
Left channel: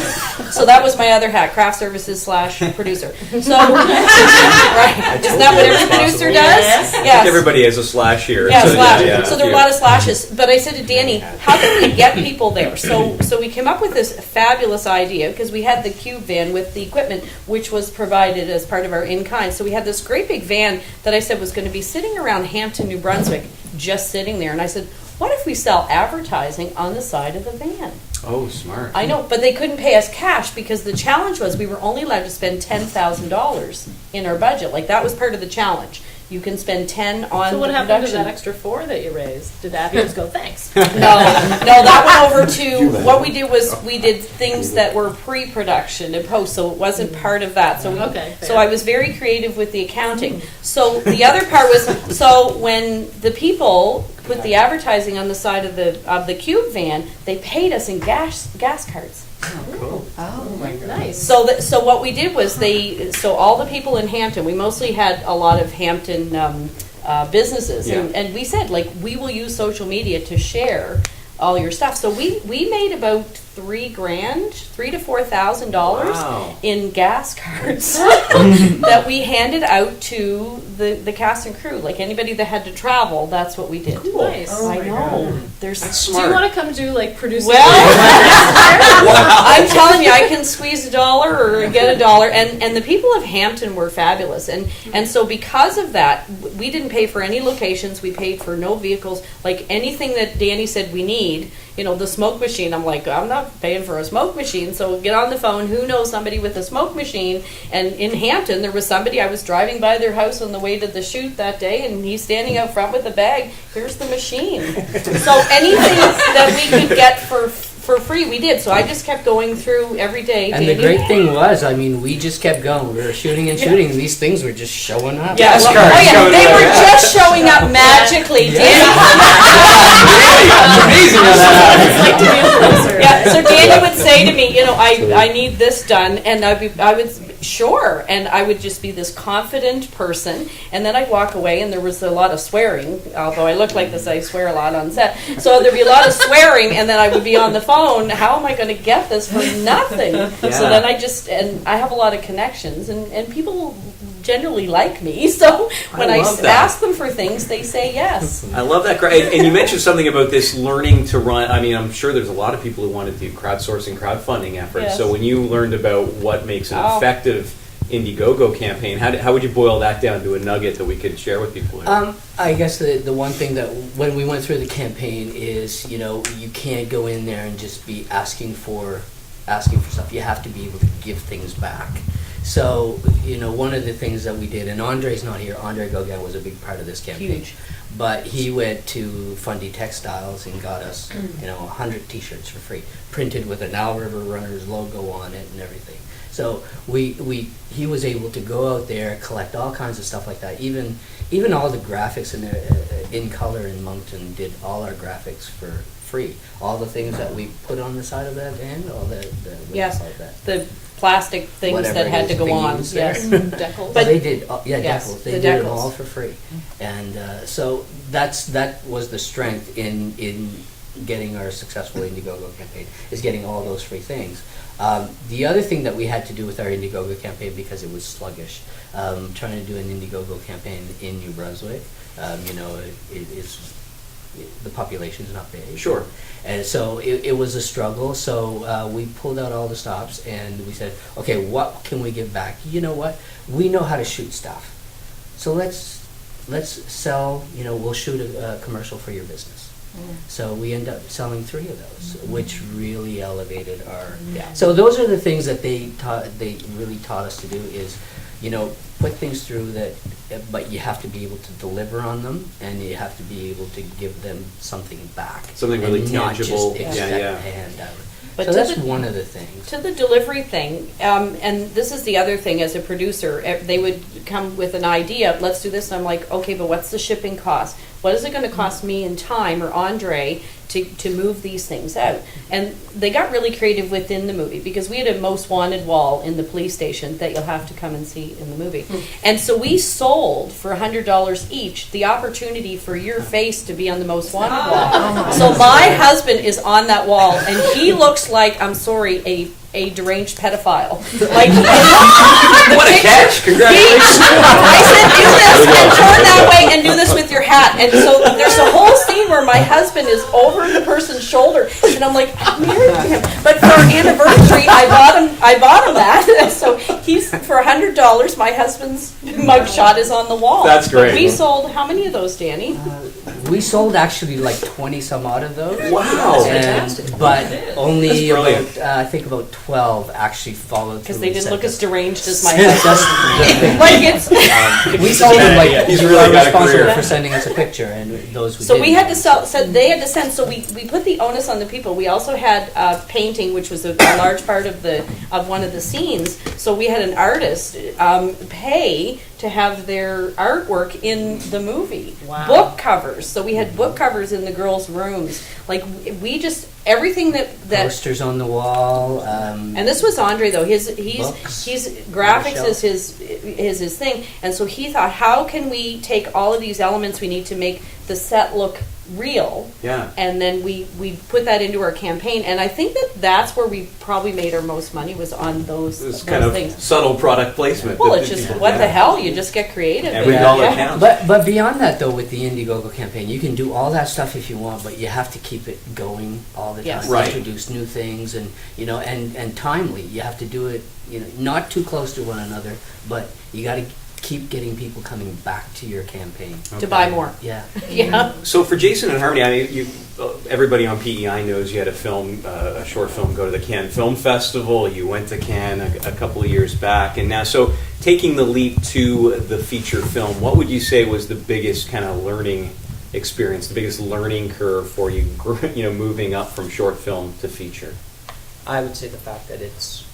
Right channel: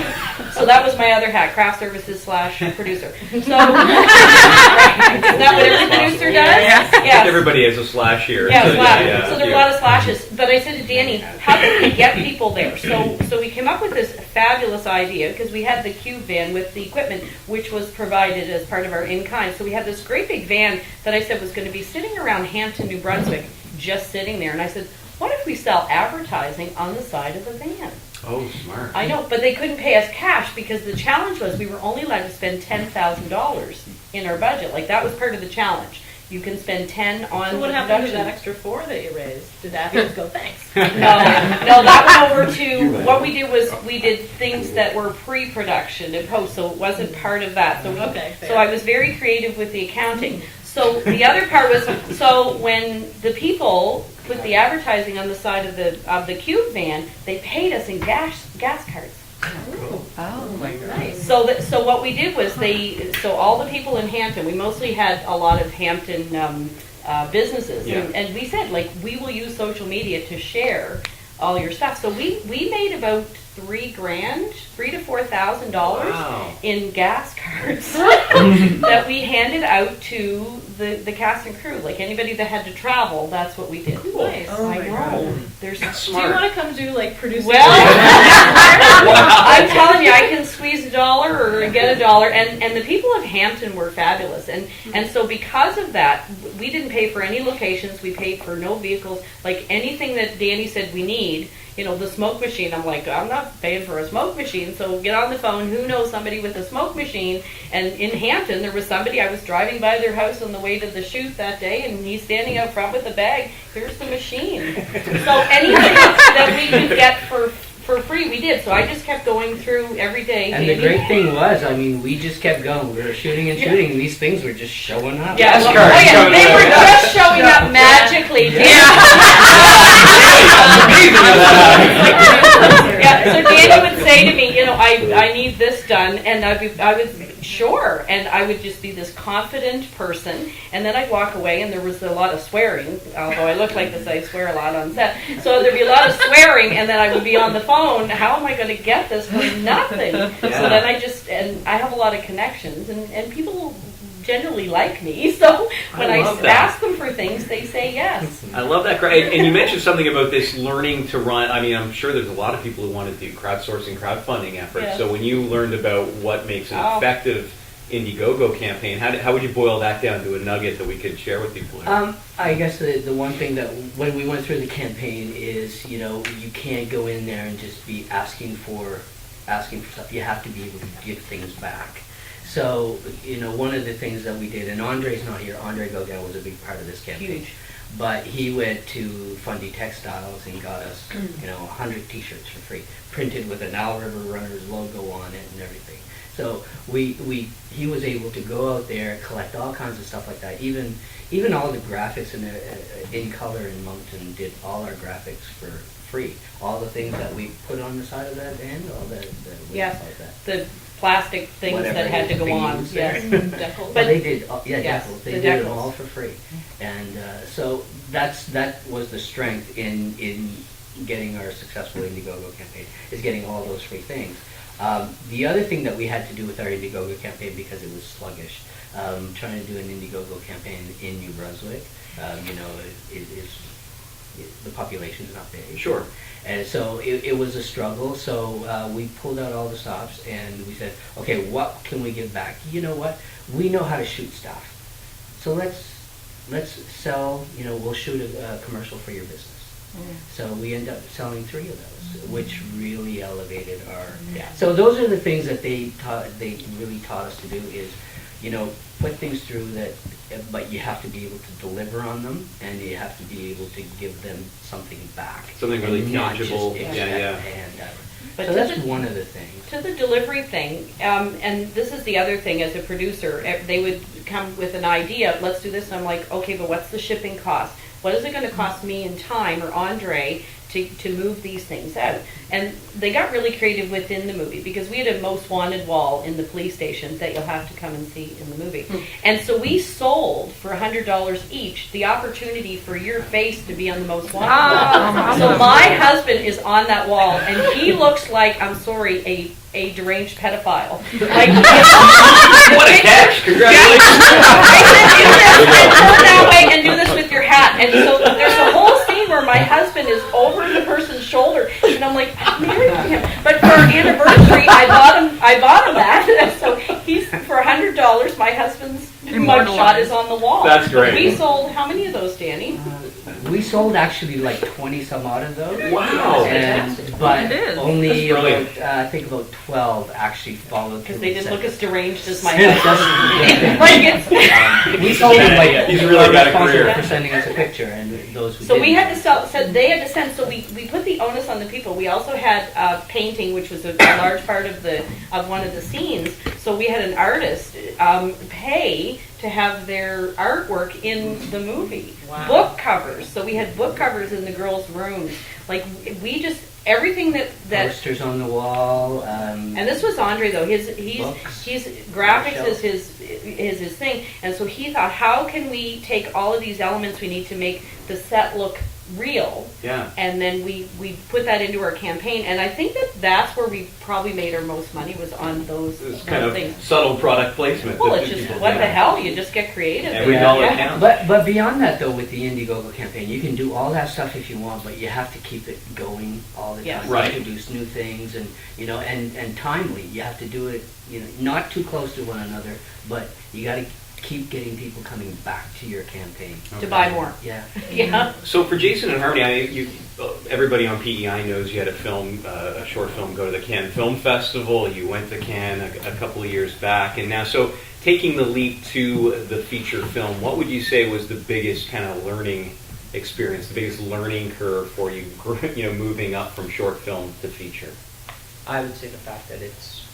So that was my other hat, craft services / producer. So, right, isn't that what every producer does? I think Yes. everybody has a slash here. Yeah, So, slash. yeah, So there were a yeah. lot of slashes. But I said to Danny, how can we get people there? So we came up with this fabulous idea, because we had the cube van with the equipment, which was provided as part of our in-kind. So we had this great big van that I said was going to be sitting around Hampton, New Brunswick, just sitting there. And I said, what if we sell advertising on the side of the van? Oh, smart. I know, but they couldn't pay us cash, because the challenge was we were only allowed to spend $10,000 in our budget. Like, that was part of the challenge. You can spend 10 on So what the happened to production. that extra 4 that you raised? Did Abby just go, thanks? No, that went over to, Human. what we did was, we did things that were pre-production and post, so it wasn't part of that. So Okay, so fair. I was very creative with the accounting. So the other part was, so when the people put the advertising on the side of the cube van, they paid us in gas cards. Nice. So what we did was so all the people in Hampton, we mostly had a lot of Hampton businesses, Yeah. and we said, like, we will use social media to share all your stuff. So we made about $3,000 to $4,000 Wow. in gas cards that we handed out to the cast and crew. Like, anybody that had to travel, that's what we did. Nice. I know. There's Do you want to come do like producing? well, I'm telling you, I can squeeze $1 or get $1, and the people of Hampton were fabulous, and so because of that, we didn't pay for any locations. We paid for no vehicles, like anything that Danny said we need. The smoke machine. I'm like, I'm not paying for a smoke machine, so get on the phone. Who knows somebody with a smoke machine? And in Hampton, there was somebody. I was driving by their house on the way to the shoot that day, and he's standing out front with the bag. Here's the machine. So anything that we could get for free, we did. So I just kept going through every day. And the great thing was, I mean, we just kept going. We were shooting and shooting, and these things were just showing up. Yeah, Yes, oh correct. yeah, Showing they up. were just showing up magically. Amazing how that It's like to be a producer. Yeah, so Danny would say to me, I need this done, and I would sure, and I would just be this confident person, and then I'd walk away, and there was a lot of swearing, although I look like this, I swear a lot on set, so there'd be a lot of swearing, and then I would be on the phone, how am I going to get this for nothing? Yeah. So then I have a lot of connections, and people generally like me, so when I love that. ask them for things, they say yes. I love that. And you mentioned something about this learning to run. I mean, I'm sure there's a lot of people who want to do crowdsourcing, crowdfunding efforts. Yes. So when you learned about what makes an Oh. effective Indiegogo campaign, how would you boil that down to a nugget that we could share with people? Here? I guess the one thing that when we went through the campaign is, you can't go in there and just be asking for stuff. You have to be able to give things back. So, one of the things that we did, and Andre's not here, Andre Gauguin was a big part of this campaign. Huge. But he went to Fundy Textiles and got us, 100 T-shirts for free, printed with an Owl River Runners logo on it and everything. So he was able to go out there, collect all kinds of stuff like that. Even all the graphics in color in Moncton did all our graphics for free. All the things that we put on the side of that van, all the what do you Yes, call that? the plastic things Whatever that it had is, to go on. beams Yes. there. Decals. Well, But- they did, Yes, decals. They the did them decals. all for free, and so that was the strength in getting our successful Indiegogo campaign, is getting all those free things. The other thing that we had to do with our Indiegogo campaign, because it was sluggish, trying to do an Indiegogo campaign in New Brunswick, the population's not big. Sure. And so it was a struggle. So we pulled out all the stops and we said, okay, what can we give back? You know what? We know how to shoot stuff. So let's sell, we'll shoot a commercial for your business. So we end up selling 3 of those, which really elevated our. Yeah. So those are the things that they really taught us to do is, put things through that, but you have to be able to deliver on them, and you have to be able to give them something back. Something really and not tangible. just Yeah, expect yeah. a hand But So to that's the- one of the things. To the delivery thing, and this is the other thing as a producer, they would come with an idea of, let's do this, and I'm like, okay, but what's the shipping cost? What is it going to cost me in time or Andre to move these things out? And they got really creative within the movie because we had a most wanted wall in the police station that you'll have to come and see in the movie. And so we sold for $100 each the opportunity for your face to be on the most wanted wall. So my husband is on that wall and he looks like, I'm sorry, a deranged pedophile. Like, What a catch! Congratulations. I said, do this and turn that way and do this with your hat. And so there's a whole scene where my husband is over the person's shoulder, and I'm like, I'm married to him. But for our anniversary, I bought him that. So he's for $100. My husband's mugshot is on the wall. That's great. But we sold how many of those, Danny? We sold actually like 20 some odd of those. Wow. And, but only That's about, brilliant. I think about 12 actually followed through. Because they didn't and look said as deranged as my That's husband. the thing. Like it's. We told them like He's you really are got a responsible career. for sending us a picture, and those who So we didn't. had to sell. So they had to send. So we put the onus on the people. We also had painting, which was a large part of one of the scenes. So we had an artist pay to have their artwork in the movie. Wow. Book covers. So we had book covers in the girls' rooms. Like we just everything that. posters on the wall. And this was Andre though. He's Books. graphics On the is his thing, and so he thought, how can we take all of these elements we need to make the set look real? Yeah. And then we put that into our campaign, and I think that's where we probably made our most money was on those This kind of things. subtle product placement. Well, that- it's just yeah. what the hell? You just get creative. Every and- dollar yeah. counts. But beyond that though, with the Indiegogo campaign, you can do all that stuff if you want, but you have to keep it going all the Yes. time. Right. Introduce new things and and timely. You have to do it not too close to one another, but you got to keep getting people coming back to your campaign. To buy more. Yeah. Yeah. So for Jason and Harmony, everybody on PEI knows you had a short film go to the Cannes Film Festival. You went to Cannes a couple of years back, and now so taking the leap to the feature film, what would you say was the biggest kind of learning experience, the biggest learning curve for you, moving up from short film to feature? I would say the fact that it's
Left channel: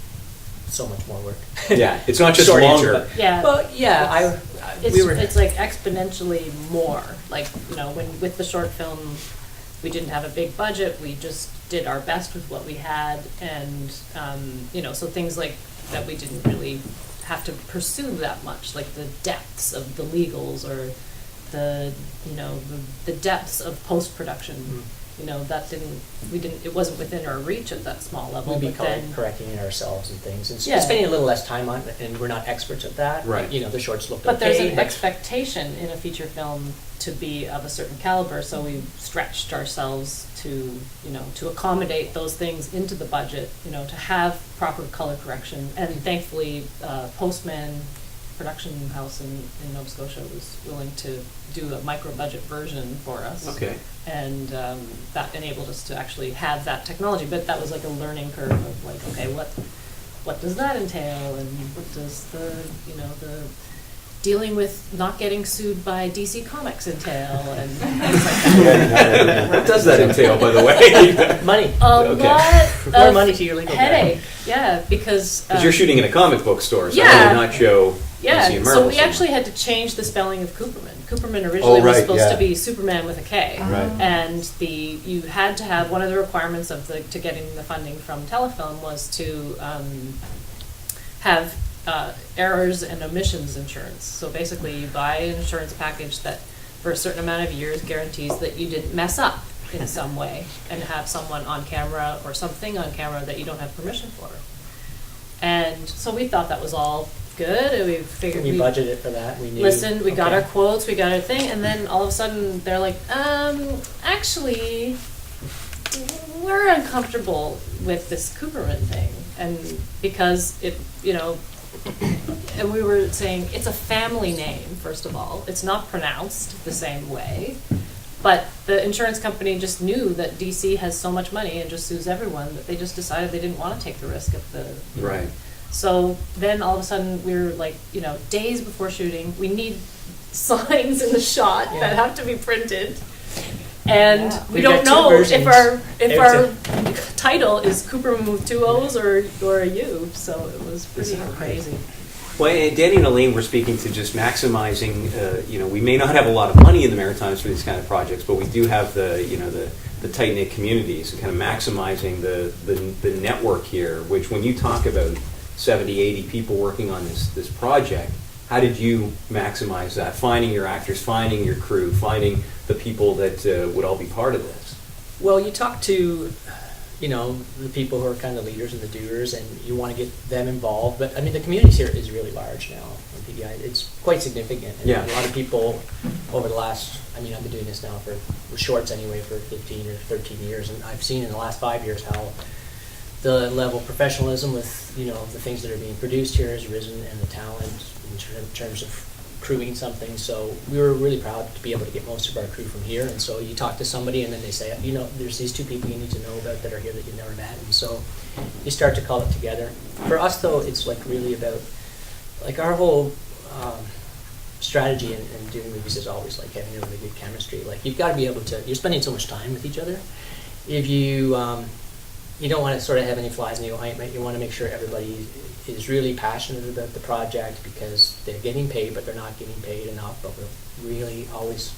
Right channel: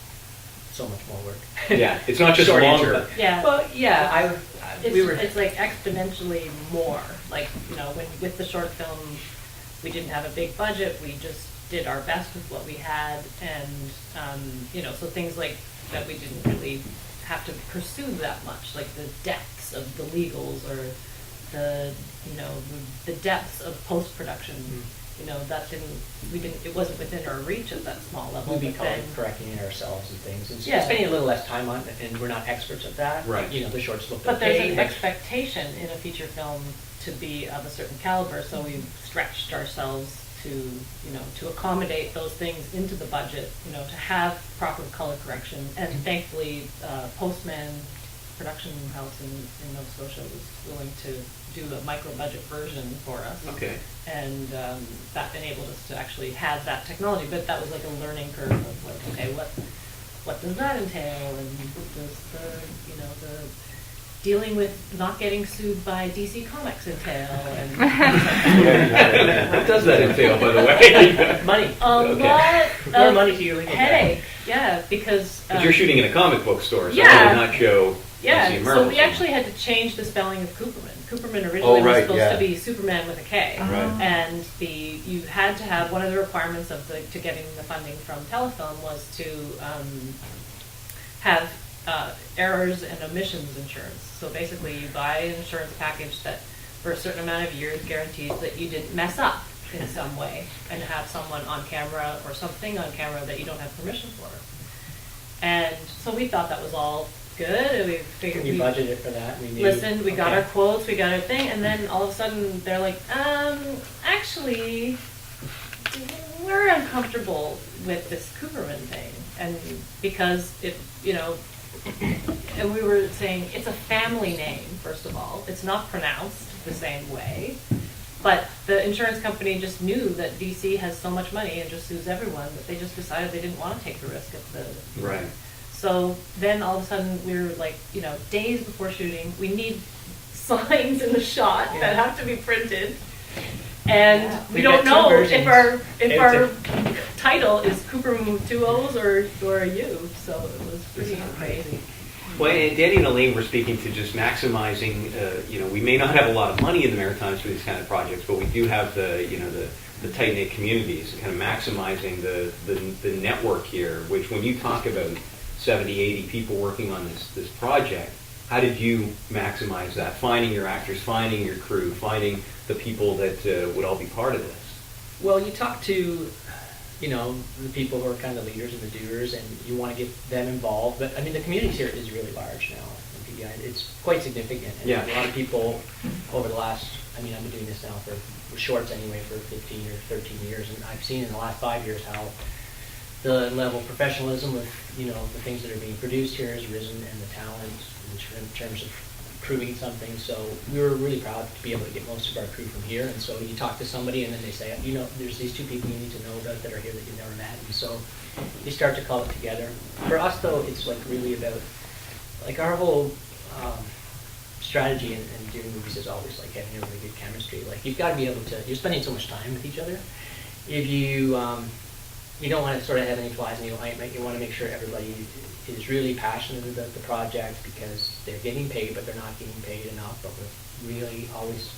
so much more work. Yeah, it's not just Short longer. answer. Yeah. Well, yeah, It's like exponentially more. Like, when with the short film, we didn't have a big budget. We just did our best with what we had, and so things like that we didn't really have to pursue that much, like the depths of the legals or the depths of post production. It wasn't within our reach at that small level. we'd be but then, correcting it ourselves and things, and Yeah. spending a little less time on it, and we're not experts at that. Right. The shorts looked but there's okay, an but expectation in a feature film to be of a certain caliber, so we stretched ourselves to accommodate those things into the budget, to have proper color correction, and thankfully, Postman production house in Nova Scotia was willing to do a micro budget version for us. Okay. And that enabled us to actually have that technology, but that was like a learning curve of like, okay, what does that entail, and what does the dealing with not getting sued by DC Comics entail, and things like that. What does that entail, by the way? money. A Okay. lot More of money to your legal guy. headache, yeah, because Because you're shooting in a comic book store, so Yeah. that would not show yeah, DC so Marvel. we actually had to change the spelling of Cooperman. Cooperman originally was right, supposed yeah. to be Superman with a K, Right. and you had to have one of the requirements to getting the funding from Telefilm was to have errors and omissions insurance. So basically, you buy an insurance package that, for a certain amount of years, guarantees that you didn't mess up in some way and have someone on camera or something on camera that you don't have permission for. And so we thought that was all good, and we figured We budgeted for that. We knew. listened, we got okay. our quotes, we got our thing, and then all of a sudden they're like, actually, we're uncomfortable with this Cooperman thing. And because and we were saying, it's a family name, first of all. It's not pronounced the same way. But the insurance company just knew that DC has so much money and just sues everyone that they just decided they didn't want to take the risk of the... Right. So then all of a sudden we were like, days before shooting, we need signs in the shot that have to be printed. And we We've don't got two know if versions. our title is Cooperman with 2 O's or a U, so it was pretty crazy. Well, and Danny and Elaine were speaking to just maximizing. We may not have a lot of money in the Maritimes for these kind of projects, but we do have the tight knit communities and kind of maximizing the network here. Which, when you talk about 70, 80 people working on this project, how did you maximize that? Finding your actors, finding your crew, finding the people that would all be part of this. Well, you talk to, the people who are kind of the leaders and the doers, and you want to get them involved. But I mean, the community here is really large now in PDI. It's quite significant. And Yeah. a lot of people over the last, I've been doing this now for shorts anyway for 15 or 13 years, and I've seen in the last 5 years how the level of professionalism with, the things that are being produced here has risen, and the talent in terms of crewing something. So we were really proud to be able to get most of our crew from here. And so you talk to somebody, and then they say, there's these 2 people you need to know about that are here that you've never met. And so you start to call it together. For us, though, it's like really about like our whole strategy in doing movies is always like having a really good chemistry. Like you've got to be able to. You're spending so much time with each other. If you you don't want to sort of have any flies in the ointment. You want to make sure everybody is really passionate about the project because they're getting paid, but they're not getting paid enough. But we're really always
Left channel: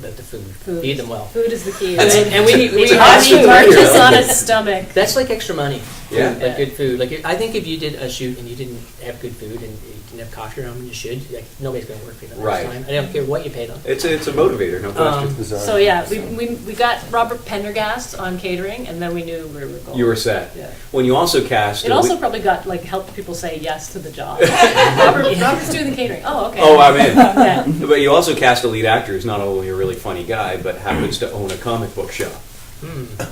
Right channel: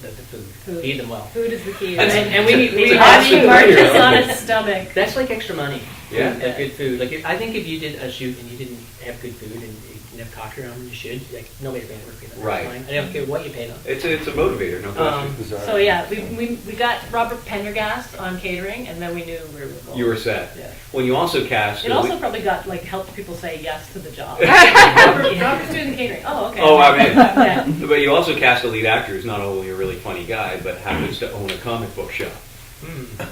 about the food. Feed them well. Food is the key. And we have to marches on his stomach. That's like extra money. Yeah. Food, like good food. Like I think if you did a shoot and you didn't have good food and you didn't have coffee around when you should, like nobody's going to work for you the next Right. time. I don't care what you pay them. It's a motivator, no question. Bizarre. So yeah, we got Robert Pendergast on catering, and then we knew where we were going. You were set. Yeah. When you also cast. It also probably got helped people say yes to the job. Robert's doing the catering. Oh, okay. Oh, I'm in. Yeah. But you also cast a lead actor who's not only a really funny guy, but happens to own a comic book shop.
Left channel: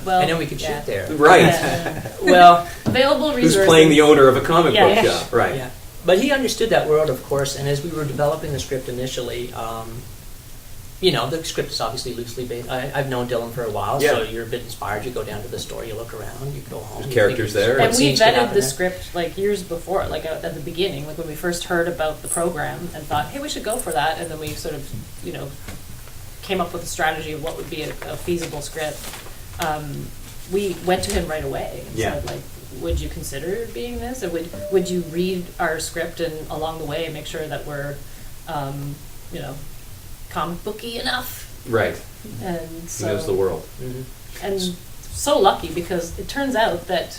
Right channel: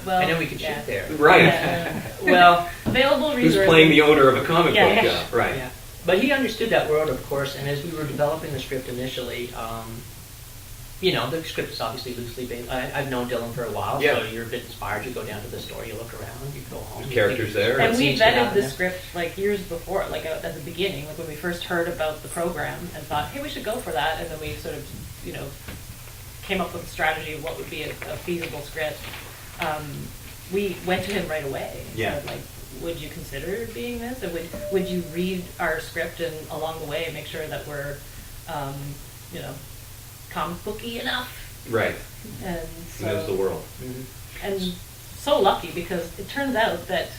Well, and then we could yeah. shoot there. Right. Yeah. Well, Available Who's resources. playing the owner of a comic Yeah. book Yeah. shop. Right. yeah. But he understood that world, of course, and as we were developing the script initially, the script is obviously loosely based. I've known Dylan for a while, Yeah. so you're a bit inspired. You go down to the store, you look around, you go home. There's you characters think, there. what And we scenes could vetted happen the there? script years before, at the beginning, when we first heard about the program and thought, hey, we should go for that, and then we sort of, came up with a strategy of what would be a feasible script. We went to him right away and Yeah. said, would you consider being this? And would you read our script and along the way make sure that we're, comic booky enough? Right. And He so, knows the world. and so lucky because it turns out that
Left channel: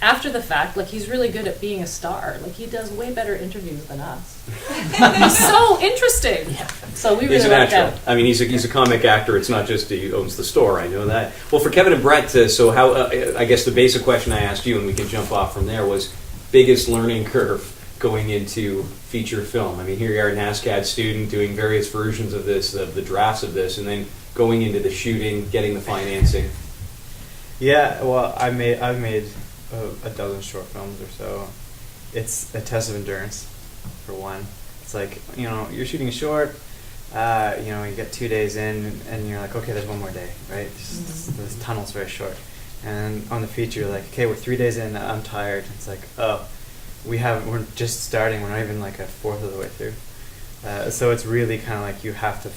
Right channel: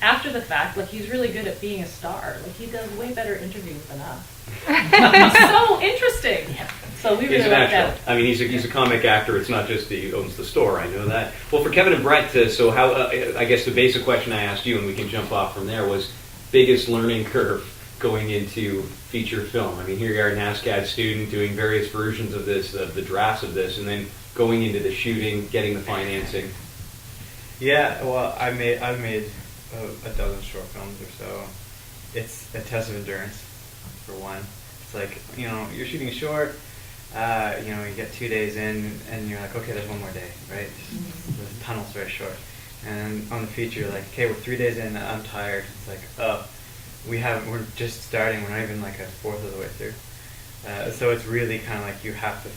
after the fact, he's really good at being a star. He does way better interviews than us. He's so interesting. Yeah. So we really He's a lucked natural. out. I mean, he's a comic actor. It's not just he owns the store. I know that. Well, for Kevin and Brett, so how? I guess the basic question I asked you, and we can jump off from there, was biggest learning curve going into feature film. I mean, here you are, an ASCAD student doing various versions of this, the drafts of this, and then going into the shooting, getting the financing. Yeah, well, I've made a dozen short films or so. It's a test of endurance, for one. It's like, you're shooting a short, you get 2 days in, and you're like, okay, there's one more day, right? This tunnel's very short. And on the feature, you're like, okay, we're 3 days in, I'm tired. It's like, oh, we're just starting, we're not even a fourth of the way through. So it's really kind of like you have to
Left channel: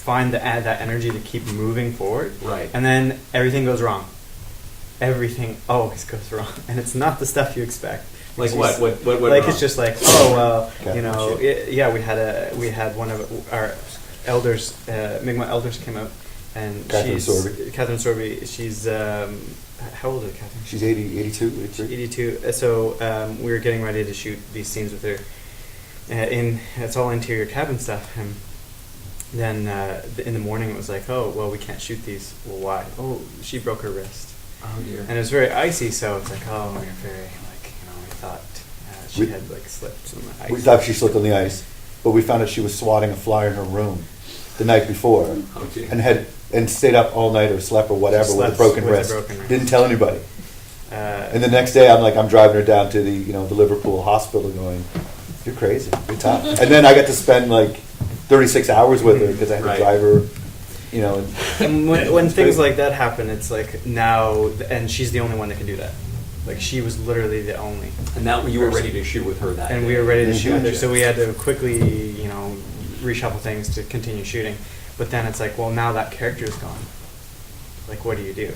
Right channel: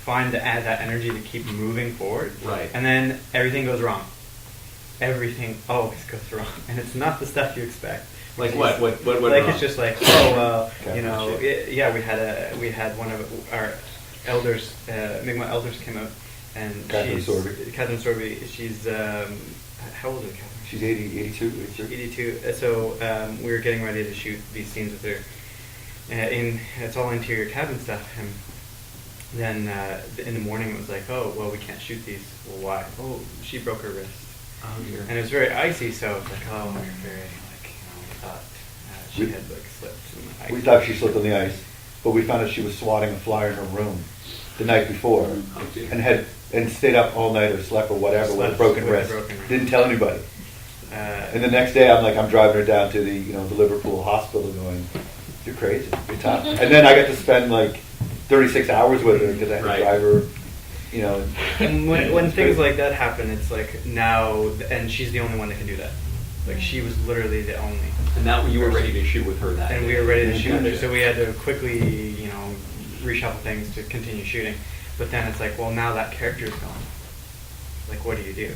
find that energy to keep moving forward. Right. And then everything goes wrong. Everything always goes wrong, and it's not the stuff you expect. Like what? What went Like wrong? it's just like, oh well, Okay. we had one of our elders, Mi'kmaq elders came out, and Catherine she's Sorby. Catherine Sorby. She's how old is Catherine? She's 80, 82, 83. 82. So we were getting ready to shoot these scenes with her. It's all interior cabin stuff, and then in the morning it was like, oh well, we can't shoot these. Well, why? Oh, she broke her wrist. And it was very icy, so it's like, oh, you're very, we thought she had, slipped on the ice. We thought she slipped on the ice, but we found out she was swatting a fly in her room the night before, and stayed up all night or slept or whatever with a broken wrist. Didn't tell anybody. And the next day, I'm driving her down to the Liverpool hospital, going, "You're crazy, you're tough." And then I got to spend 36 hours with her because I had to Right. drive her. And when things like that happen, it's like now, and she's the only one that can do that. She was literally the only. And now you were ready to shoot with her that And day. we were ready to shoot with her, so we had to quickly, reshuffle things to continue shooting. But then it's like, well, now that character is gone. like, what do you do?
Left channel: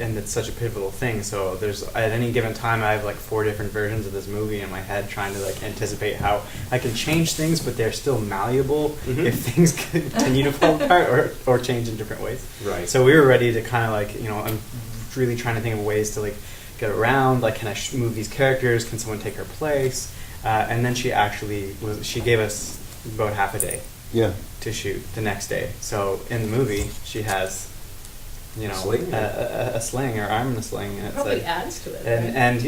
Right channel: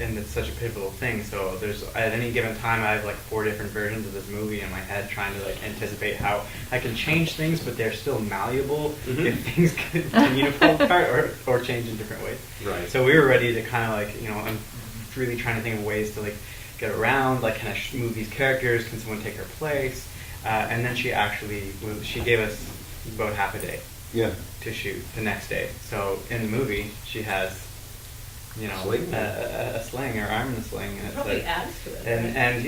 And it's such a pivotal thing. So there's, at any given time, I have like 4 different versions of this movie in my head, trying to like anticipate how I can change things, but they're still malleable if things continue to fall apart or change in different ways. Right. So we were ready to kind of like, you know, I'm really trying to think of ways to like get around, like, can I move these characters? Can someone take her place? And then she gave us about half a day to shoot the next day. So in the movie, she has, you know, a sling or arm in a sling, and it's Probably like, adds to it. and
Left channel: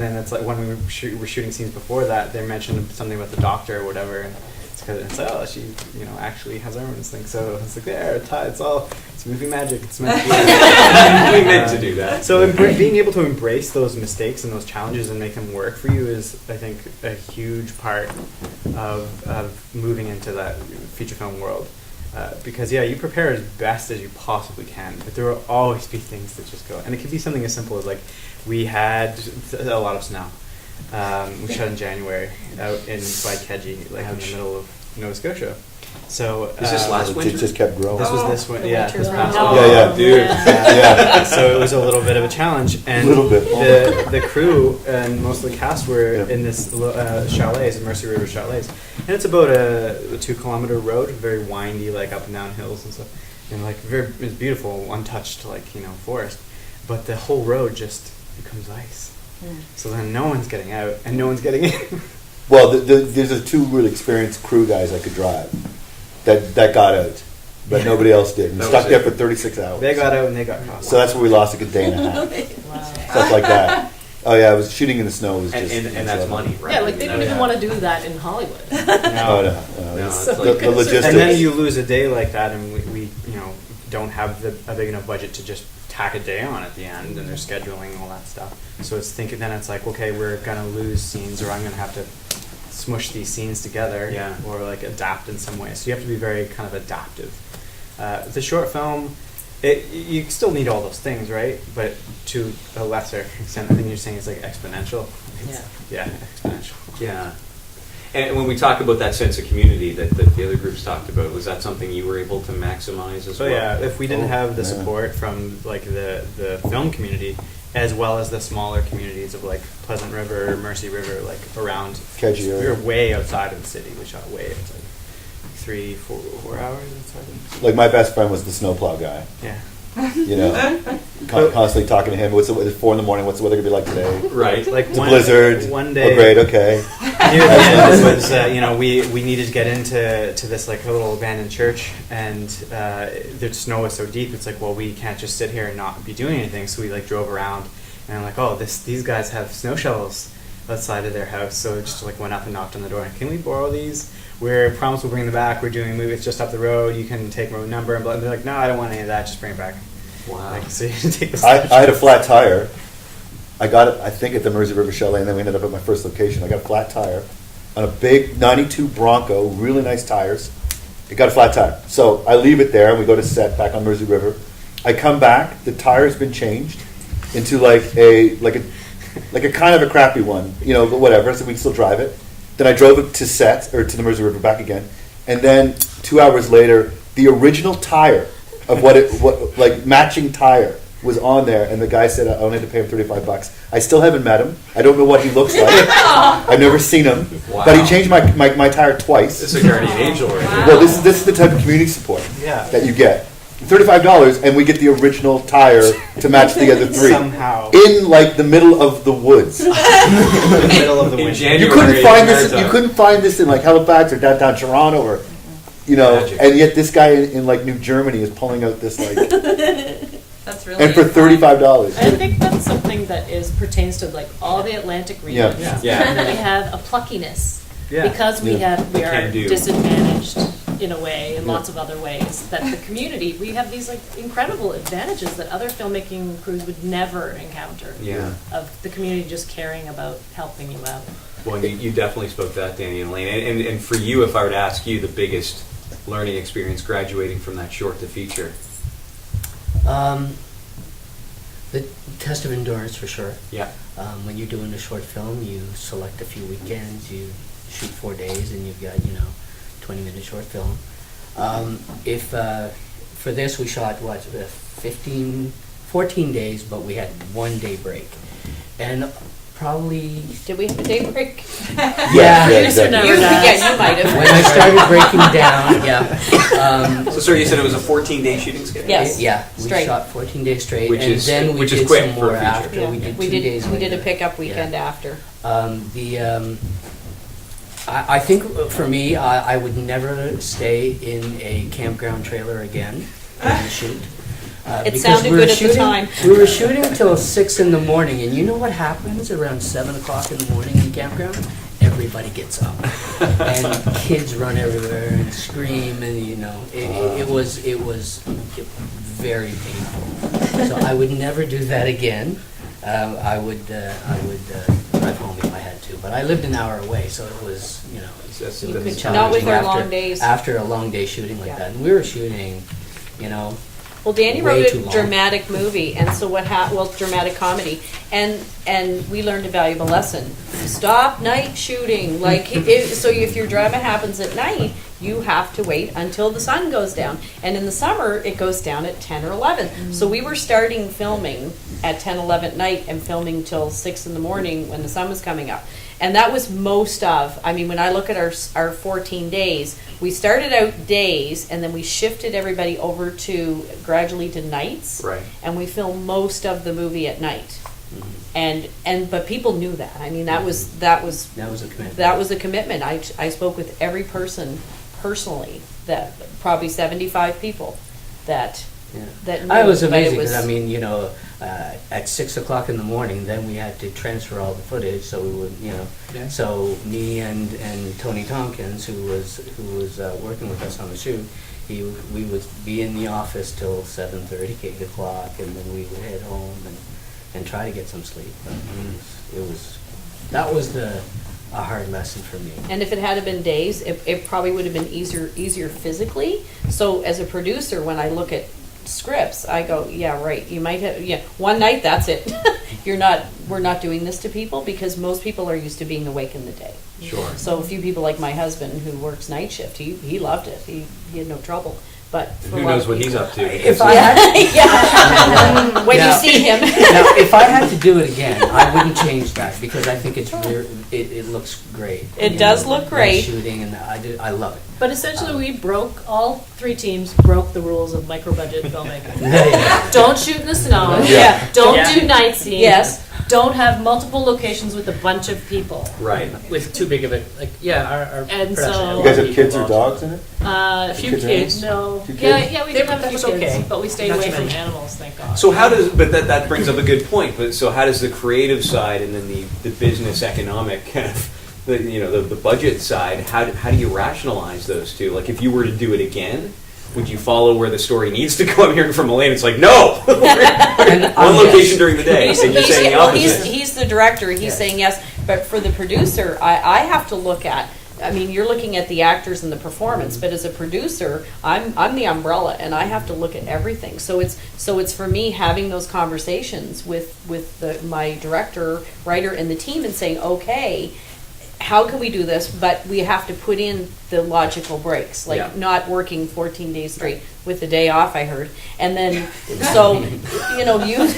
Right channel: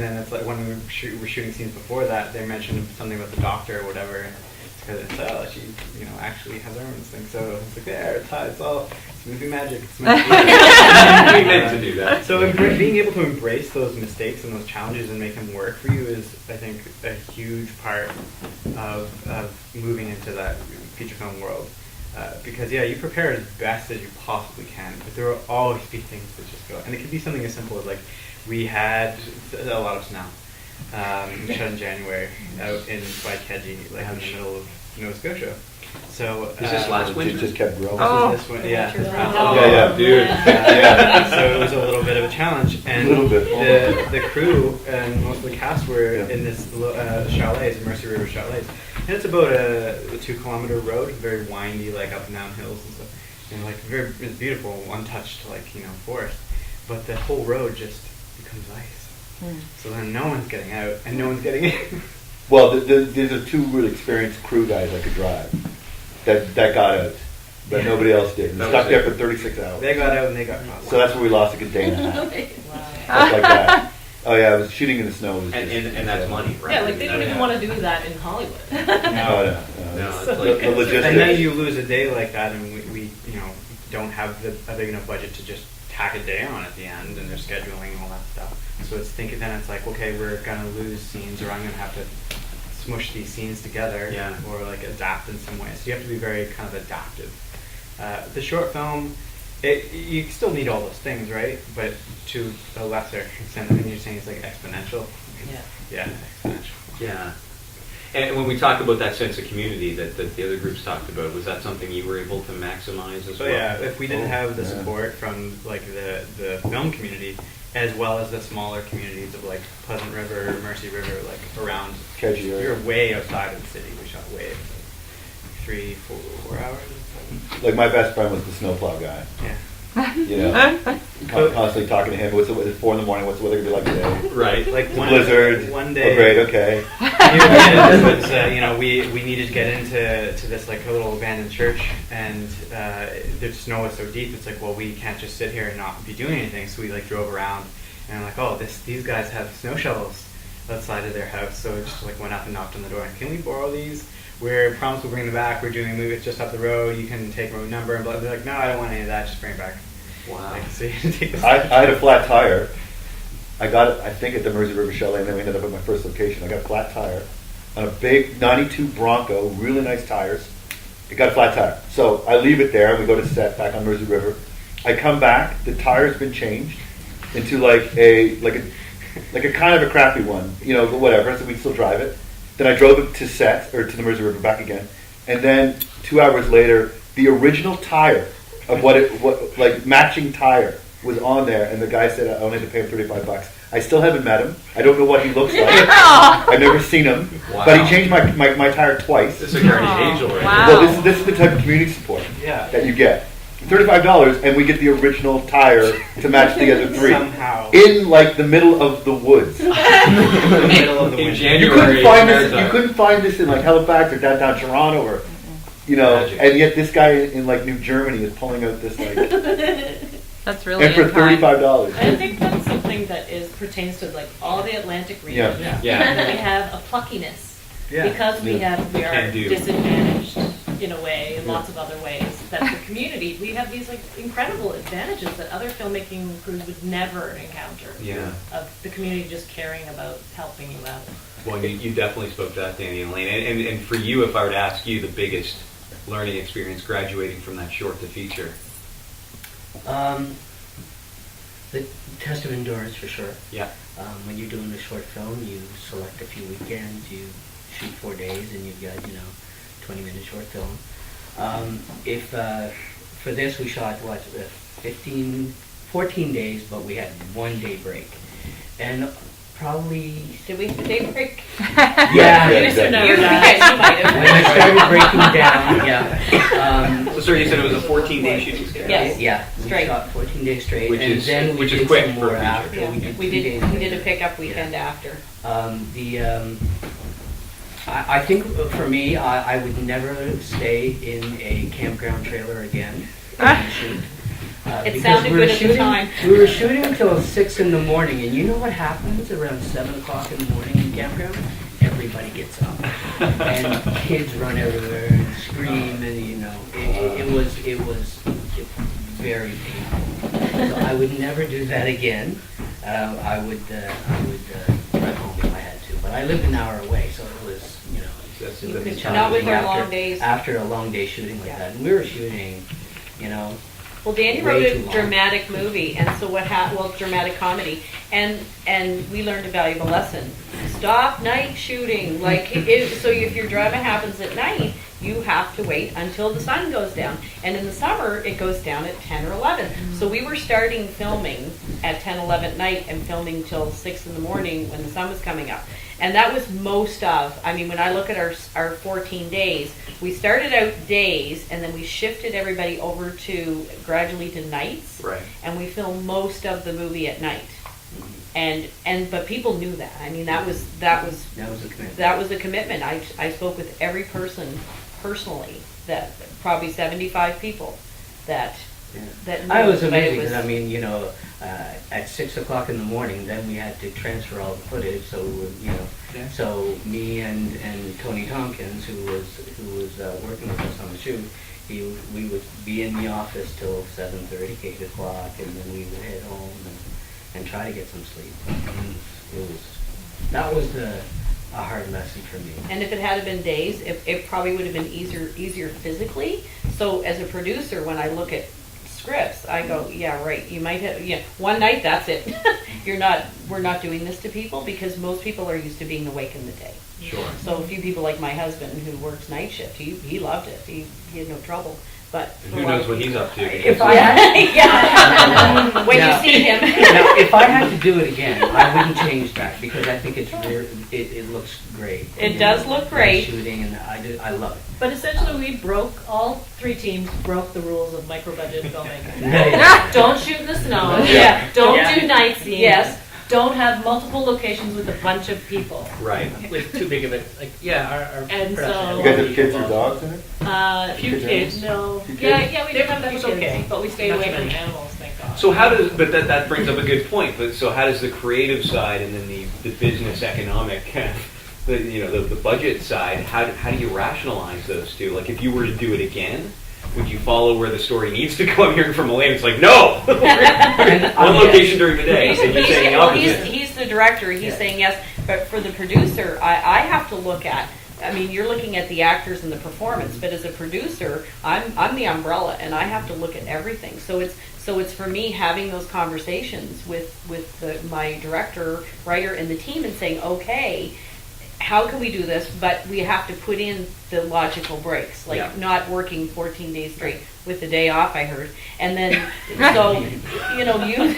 then it's like when we were shooting scenes before that, they mentioned something about the doctor or whatever, and it's she, you know, actually has arm in a sling. So it's like, there, it's movie magic. It's meant to be. We meant to do that. So being able to embrace those mistakes and those challenges and make them work for you is, I think, a huge part of moving into that feature film world. Because you prepare as best as you possibly can, but there will always be things that just go. And it could be something as simple as, like, we had a lot of snow. We shot in January out by Keji, like in the middle of Nova Scotia. So Is this last It just kept growing. this was this one, this past Oh. one. Yeah, Dude. So it was a little bit of a challenge, and Little bit. the crew and most of the cast were in this chalets, Mercy River chalets, and it's about a 2-kilometer road, very windy, like up and down hills and stuff, and like it's beautiful, untouched, like, you know, forest, but the whole road just becomes ice. So then no one's getting out and no one's getting in. Well, there's a 2 really experienced crew guys that could drive that got out, but nobody else did. And stuck there for 36 hours. They got out and they got caught. So that's where we lost like a day and a half. Stuff like that. Oh yeah, it was shooting in the snow was just. And that's money. Right? Yeah, like they don't even want to do that in Hollywood. Oh no. It's the logistics. And then you lose a day like that, and we you know, don't have a big enough budget to just tack a day on at the end, and they're scheduling and all that stuff. So then it's like, okay, we're gonna lose scenes, or I'm gonna have to smush these scenes together, or like adapt in some way. So you have to be very kind of adaptive. The short film, you still need all those things, right? But to a lesser extent. I mean, you're saying it's like exponential. Exponential. Yeah. And when we talk about that sense of community that the other groups talked about, was that something you were able to maximize as well? So if we didn't have the support from like the film community, as well as the smaller communities of like Pleasant River, Mercy River, like around, Keji we area. were way outside of the city. We shot way outside, 3-4 hours outside. Like my best friend was the snowplow guy. Yeah. You know, constantly talking to him. It's 4 in the morning. What's the weather gonna be like today? Right. Like It's a blizzard. One day. Oh, great. Okay. Near the end, it was we needed to get into this like a little abandoned church, and the snow was so deep. It's like, well, we can't just sit here and not be doing anything. So we like drove around, and I'm like, oh, these guys have snow shovels outside of their house. So we just like went up and knocked on the door. And, can we borrow these? We're promised we'll bring them back. We're doing it's just up the road. You can take my number. And they're like, no, I don't want any of that. Just bring it back. Wow. Like, so you can take this. I had a flat tire. I got it, I think, at the Mersey River Chalet, and then we ended up at my first location. I got a flat tire on a big 92 Bronco, really nice tires. It got a flat tire. So I leave it there, and we go to set back on Mersey River. I come back, the tire's been changed into like a kind of a crappy one, you know, but whatever, so we can still drive it. Then I drove it to set, or to the Mersey River back again, and then 2 hours later, the original tire of what matching tire was on there, and the guy said I only had to pay him $35. I still haven't met him. I don't know what he looks like. I've never seen him, but he changed my tire twice. This is a guardian angel. Wow. Well, this is the type of community support that you get. $35, and we get the original tire to match the other 3 Somehow. in like the middle of the woods. In the middle of the In winter. January. You couldn't find this. You couldn't find this in like Halifax or downtown Toronto, or you know. Magic. And yet this guy in like New Germany is pulling out this like, That's really and for $35. I think that's something that pertains to like all the Atlantic region. Yeah. Yeah. That we have a pluckiness Yeah. because we are Can do. disadvantaged in a way, in lots of other ways. That the community, we have these like incredible advantages that other filmmaking crews would never encounter. Yeah. Of the community just caring about helping you out. Well, you definitely spoke to that, Danny and Lane. And for you, if I were to ask you the biggest learning experience graduating from that short to feature. The test of endurance, for sure. Yeah. When you're doing a short film, you select a few weekends, you shoot 4 days, and you've got 20-minute short film. If for this we shot 14 days, but we had 1 day break. And probably, Did we have a day break? yeah, exactly. You might have. when I started breaking down, yeah. So, sorry, you said it was a 14-day shooting schedule? Yes. Yeah, we Straight. shot 14 days straight, Which and is- then we which is did quick some for more a feature. after. Yeah. We did We 2 did. days We did a later. pickup weekend after. I think for me, I would never stay in a campground trailer again. to shoot. It Because sounded we were good at the shooting- time. We were shooting till 6 in the morning, and you know what happens around 7 o'clock in the morning in campground? Everybody gets up, and kids run everywhere and scream, and it was very painful. So I would never do that again. I would drive home if I had to, but I lived an hour away, so it was That's- You that's- could- not with our after- long days. After a long day shooting like Yeah. that, and we were shooting, Well, Danny Way wrote too a long. dramatic movie, and so dramatic comedy, and we learned a valuable lesson. Stop night shooting. So if your drama happens at night, you have to wait until the sun goes down. And in the summer, it goes down at 10 or 11. So we were starting filming at 10, 11 at night and filming till 6 in the morning when the sun was coming up. And that was when I look at our 14 days, we started out days and then we shifted everybody over gradually to nights. Right. And we filmed most of the movie at night. But people knew that. I mean, that was that was a commitment. that was a commitment. I spoke with every person personally, that probably 75 people that Yeah. that knew. I was but it amazing was- because at 6 o'clock in the morning, then we had to transfer all the footage. So we would, Yeah. so me and Tony Tompkins, who was working with us on the shoot, we would be in the office till 7:30, 8 o'clock, and then we would head home and try to get some sleep. But that was a hard lesson for me. And if it had been days, it probably would have been easier physically. So as a producer, when I look at scripts, I go, yeah, right. You might have, one night, that's it. We're not doing this to people because most people are used to being awake in the day. Sure. So a few people like my husband who works night shift, he loved it. He had no trouble. But for Who a lot knows of what he's people- up to? If I had yeah. When Now- you see him. now, if I had to do it again, I wouldn't change that because I think it looks great. It does look night great. shooting, and I love it. But essentially, all 3 teams broke the rules of micro-budget filmmaking. Yeah. Don't shoot in the snow. Yeah. Don't Yeah. do night scenes. Yes. Don't have multiple locations with a bunch of people. Right. With too big of it, our And production. so- You guys have kids or dogs in it? A few Kids kids. in No. Few Yeah, kids? yeah, we did have a That few was kids, okay. but we stayed Not away too from many. animals, thank God. So that brings up a good point. But so how does the creative side and then the business economic kind of the budget side? How do you rationalize those two? Like if you were to do it again, would you follow where the story needs to go? I'm hearing from Elaine. It's like no, one location during the day, and you're saying the opposite. He's the director. He's Yes. saying yes. But for the producer, I have to look at. I mean, you're looking at the actors and the performance, but as a producer, I'm the umbrella, and I have to look at everything. So it's for me having those conversations with my director, writer, and the team, and saying, okay, how can we do this? But we have to put in the logical breaks, like Yeah. not working 14 days straight with the day off. I heard, and then so you.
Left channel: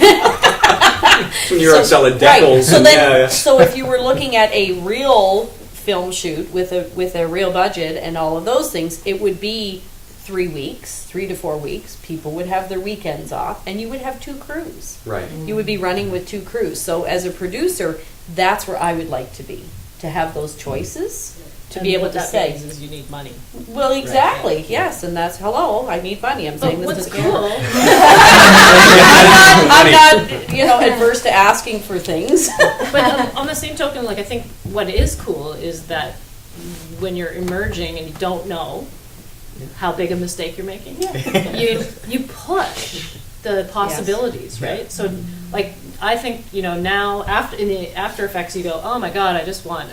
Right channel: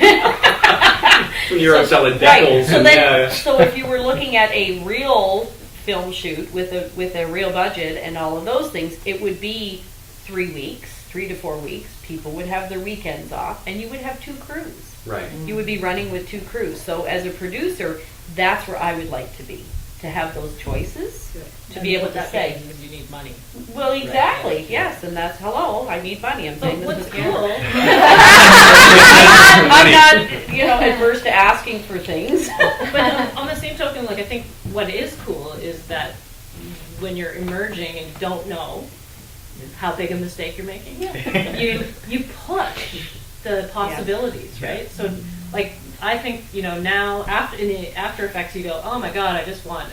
You're on solid Right. decals. So and, then, so if you were looking at a real film shoot with a real budget and all of those things, it would be 3 weeks, 3 to 4 weeks. People would have their weekends off, and you would have 2 crews. right. You would be running with 2 crews. So as a producer, that's where I would like to be, to have those choices, to And be able what to that say. means is you need money. Well, exactly. Yes, and that's hello. I need money. I'm saying But this what's to the cool? camera. I'm not, adverse to asking for things. But on the same token, I think what is cool is that when you're emerging and you don't know how big a mistake you're making, you push the possibilities, right? So, I think now in the After Effects, you go, oh my God, I just want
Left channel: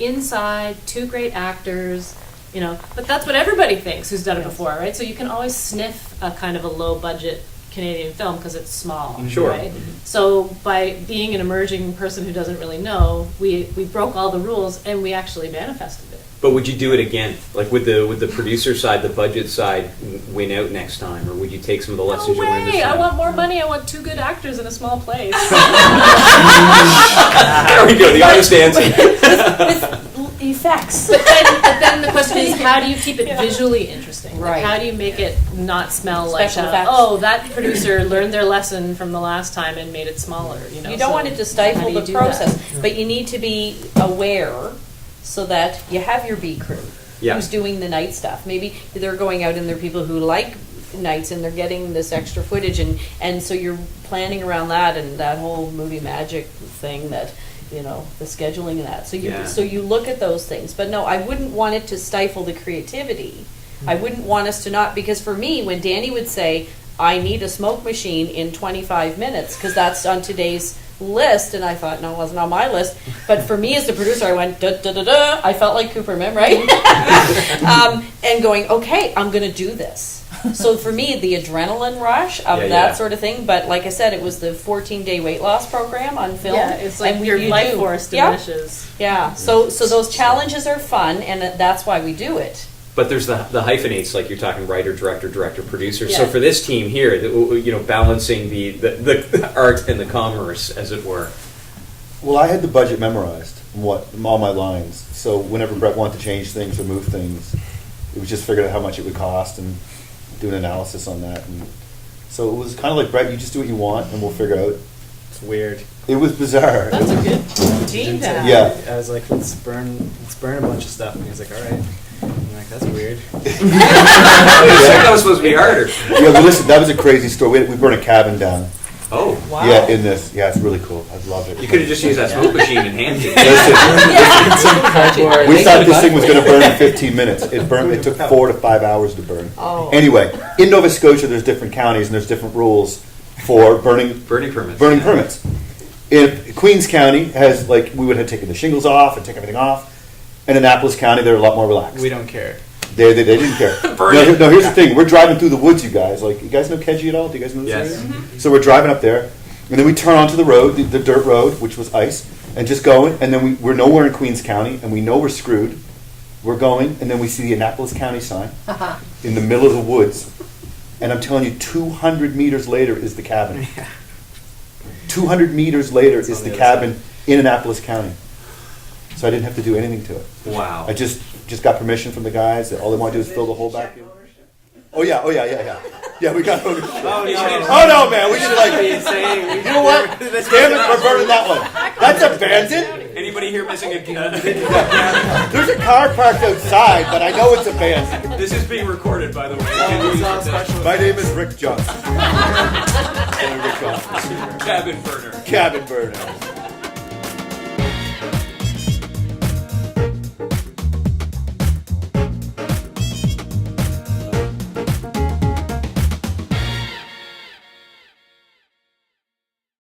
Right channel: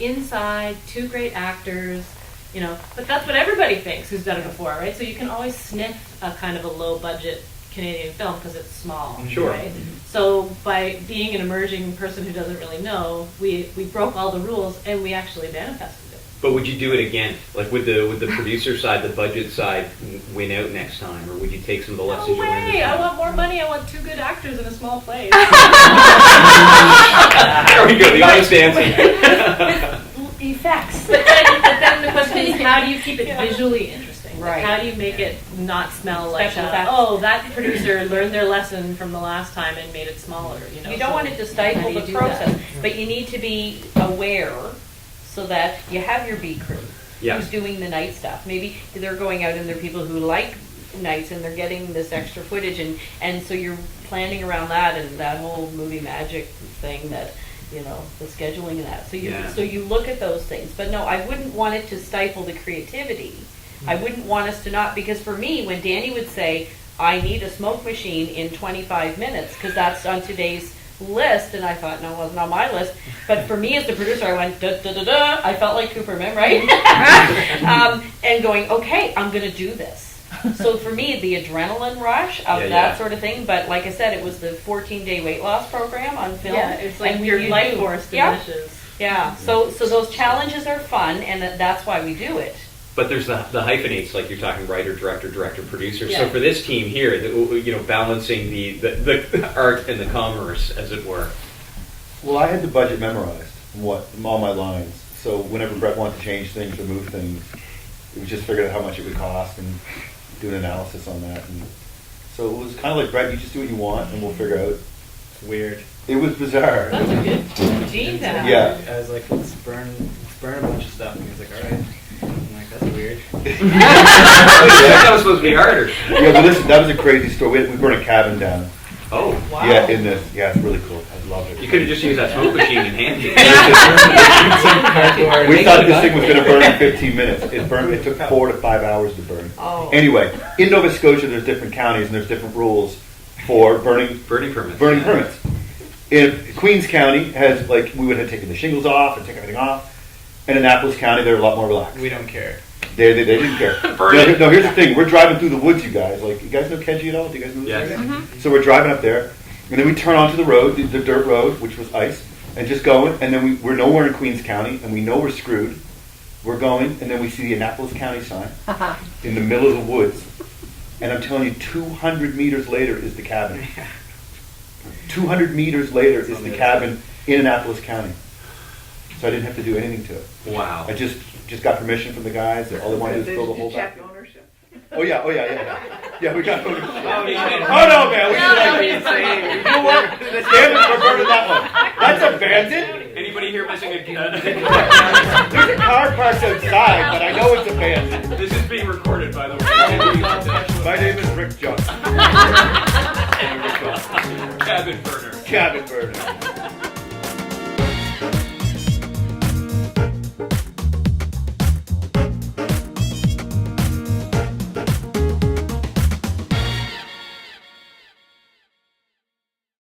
inside 2 great actors, But that's what everybody thinks who's done it before, right? So you can always sniff a kind of a low budget Canadian film because it's small, Sure. right? So by being an emerging person who doesn't really know, we broke all the rules and we actually manifested it. But would you do it again? Like would the producer side, the budget side, win out next time, or would you take some of the lessons No you learned this way! time? I want more money. I want 2 good actors in a small place. There we go. The honest answer. Effects. But then the question is, how do you keep it visually interesting? Like, Right. how do you make it not smell Special like effects. oh, that producer learned their lesson from the last time and made it smaller? You know, You don't so want it to how stifle do you the do process, that? but you need to be aware so that you have your B crew Yeah. who's doing the night stuff. Maybe they're going out and they're people who like nights and they're getting this extra footage, and so you're planning around that and that whole movie magic thing that, you know, the scheduling and that. So you look at those things. But no, I wouldn't want it to stifle the creativity. I wouldn't want us to not, because for me, when Danny would say, I need a smoke machine in 25 minutes, because that's on today's list, and I thought, no, it wasn't on my list. But for me as the producer, I went, da da da da. I felt like Cooperman, right? And going, okay, I'm going to do this. So for me, the adrenaline rush of that sort of thing. But like I said, it was the 14-day weight loss program on film. Yeah, it's like and your you life do- force Yeah. diminishes. Yeah. So those challenges are fun, and that's why we do it. But there's the hyphenates, like you're talking writer, director, producer. So Yeah. for this team here, balancing the art and the commerce, as it were. Well, I had the budget memorized, all my lines. So whenever Brett wanted to change things or move things, it was just figuring out how much it would cost and do an analysis on that. And so it was kind of like, Brett, you just do what you want, and we'll figure out. It's weird. It was bizarre. It was, Team to have. yeah. I was like, let's burn a bunch of stuff, and he's like, all right. I'm like, that's weird. That was supposed to be harder. Yeah, but listen, that was a crazy story. We burned a cabin down. Oh, Wow. Yeah, in this. Yeah, it's really cool. I love it. you could have just used that smoke machine in hand. Listen, we thought this thing was going to burn in 15 minutes. It burned. It took 4 to 5 hours to burn. Oh. Anyway, in Nova Scotia, there's different counties and there's different rules for burning Burning permits. In Queens County has we would have taken the shingles off and take everything off. In Annapolis County, they're a lot more relaxed. We don't care. They didn't care. No, here's the thing. We're driving through the woods, you guys. You guys know Keji at all? Do you guys know this Yes. area? So we're driving up there, and then we turn onto the road, the dirt road, which was ice, and just going. And then we're nowhere in Queens County, and we know we're screwed. We're going, and then we see the Annapolis County sign in the middle of the woods. And I'm telling you, 200 meters later is the cabin. 200 meters later is the cabin in Annapolis County. So I didn't have to do anything to it. Wow. I just got permission from the guys. That all they want to do is fill the hole back in. Oh yeah, yeah. We got ownership. Oh, no, man, we should you know what? Damn it, we're burning that one. That's abandoned. Anybody here missing a gun? There's a car parked outside, but I know it's abandoned. This is being recorded, by the way. My name is Rick John.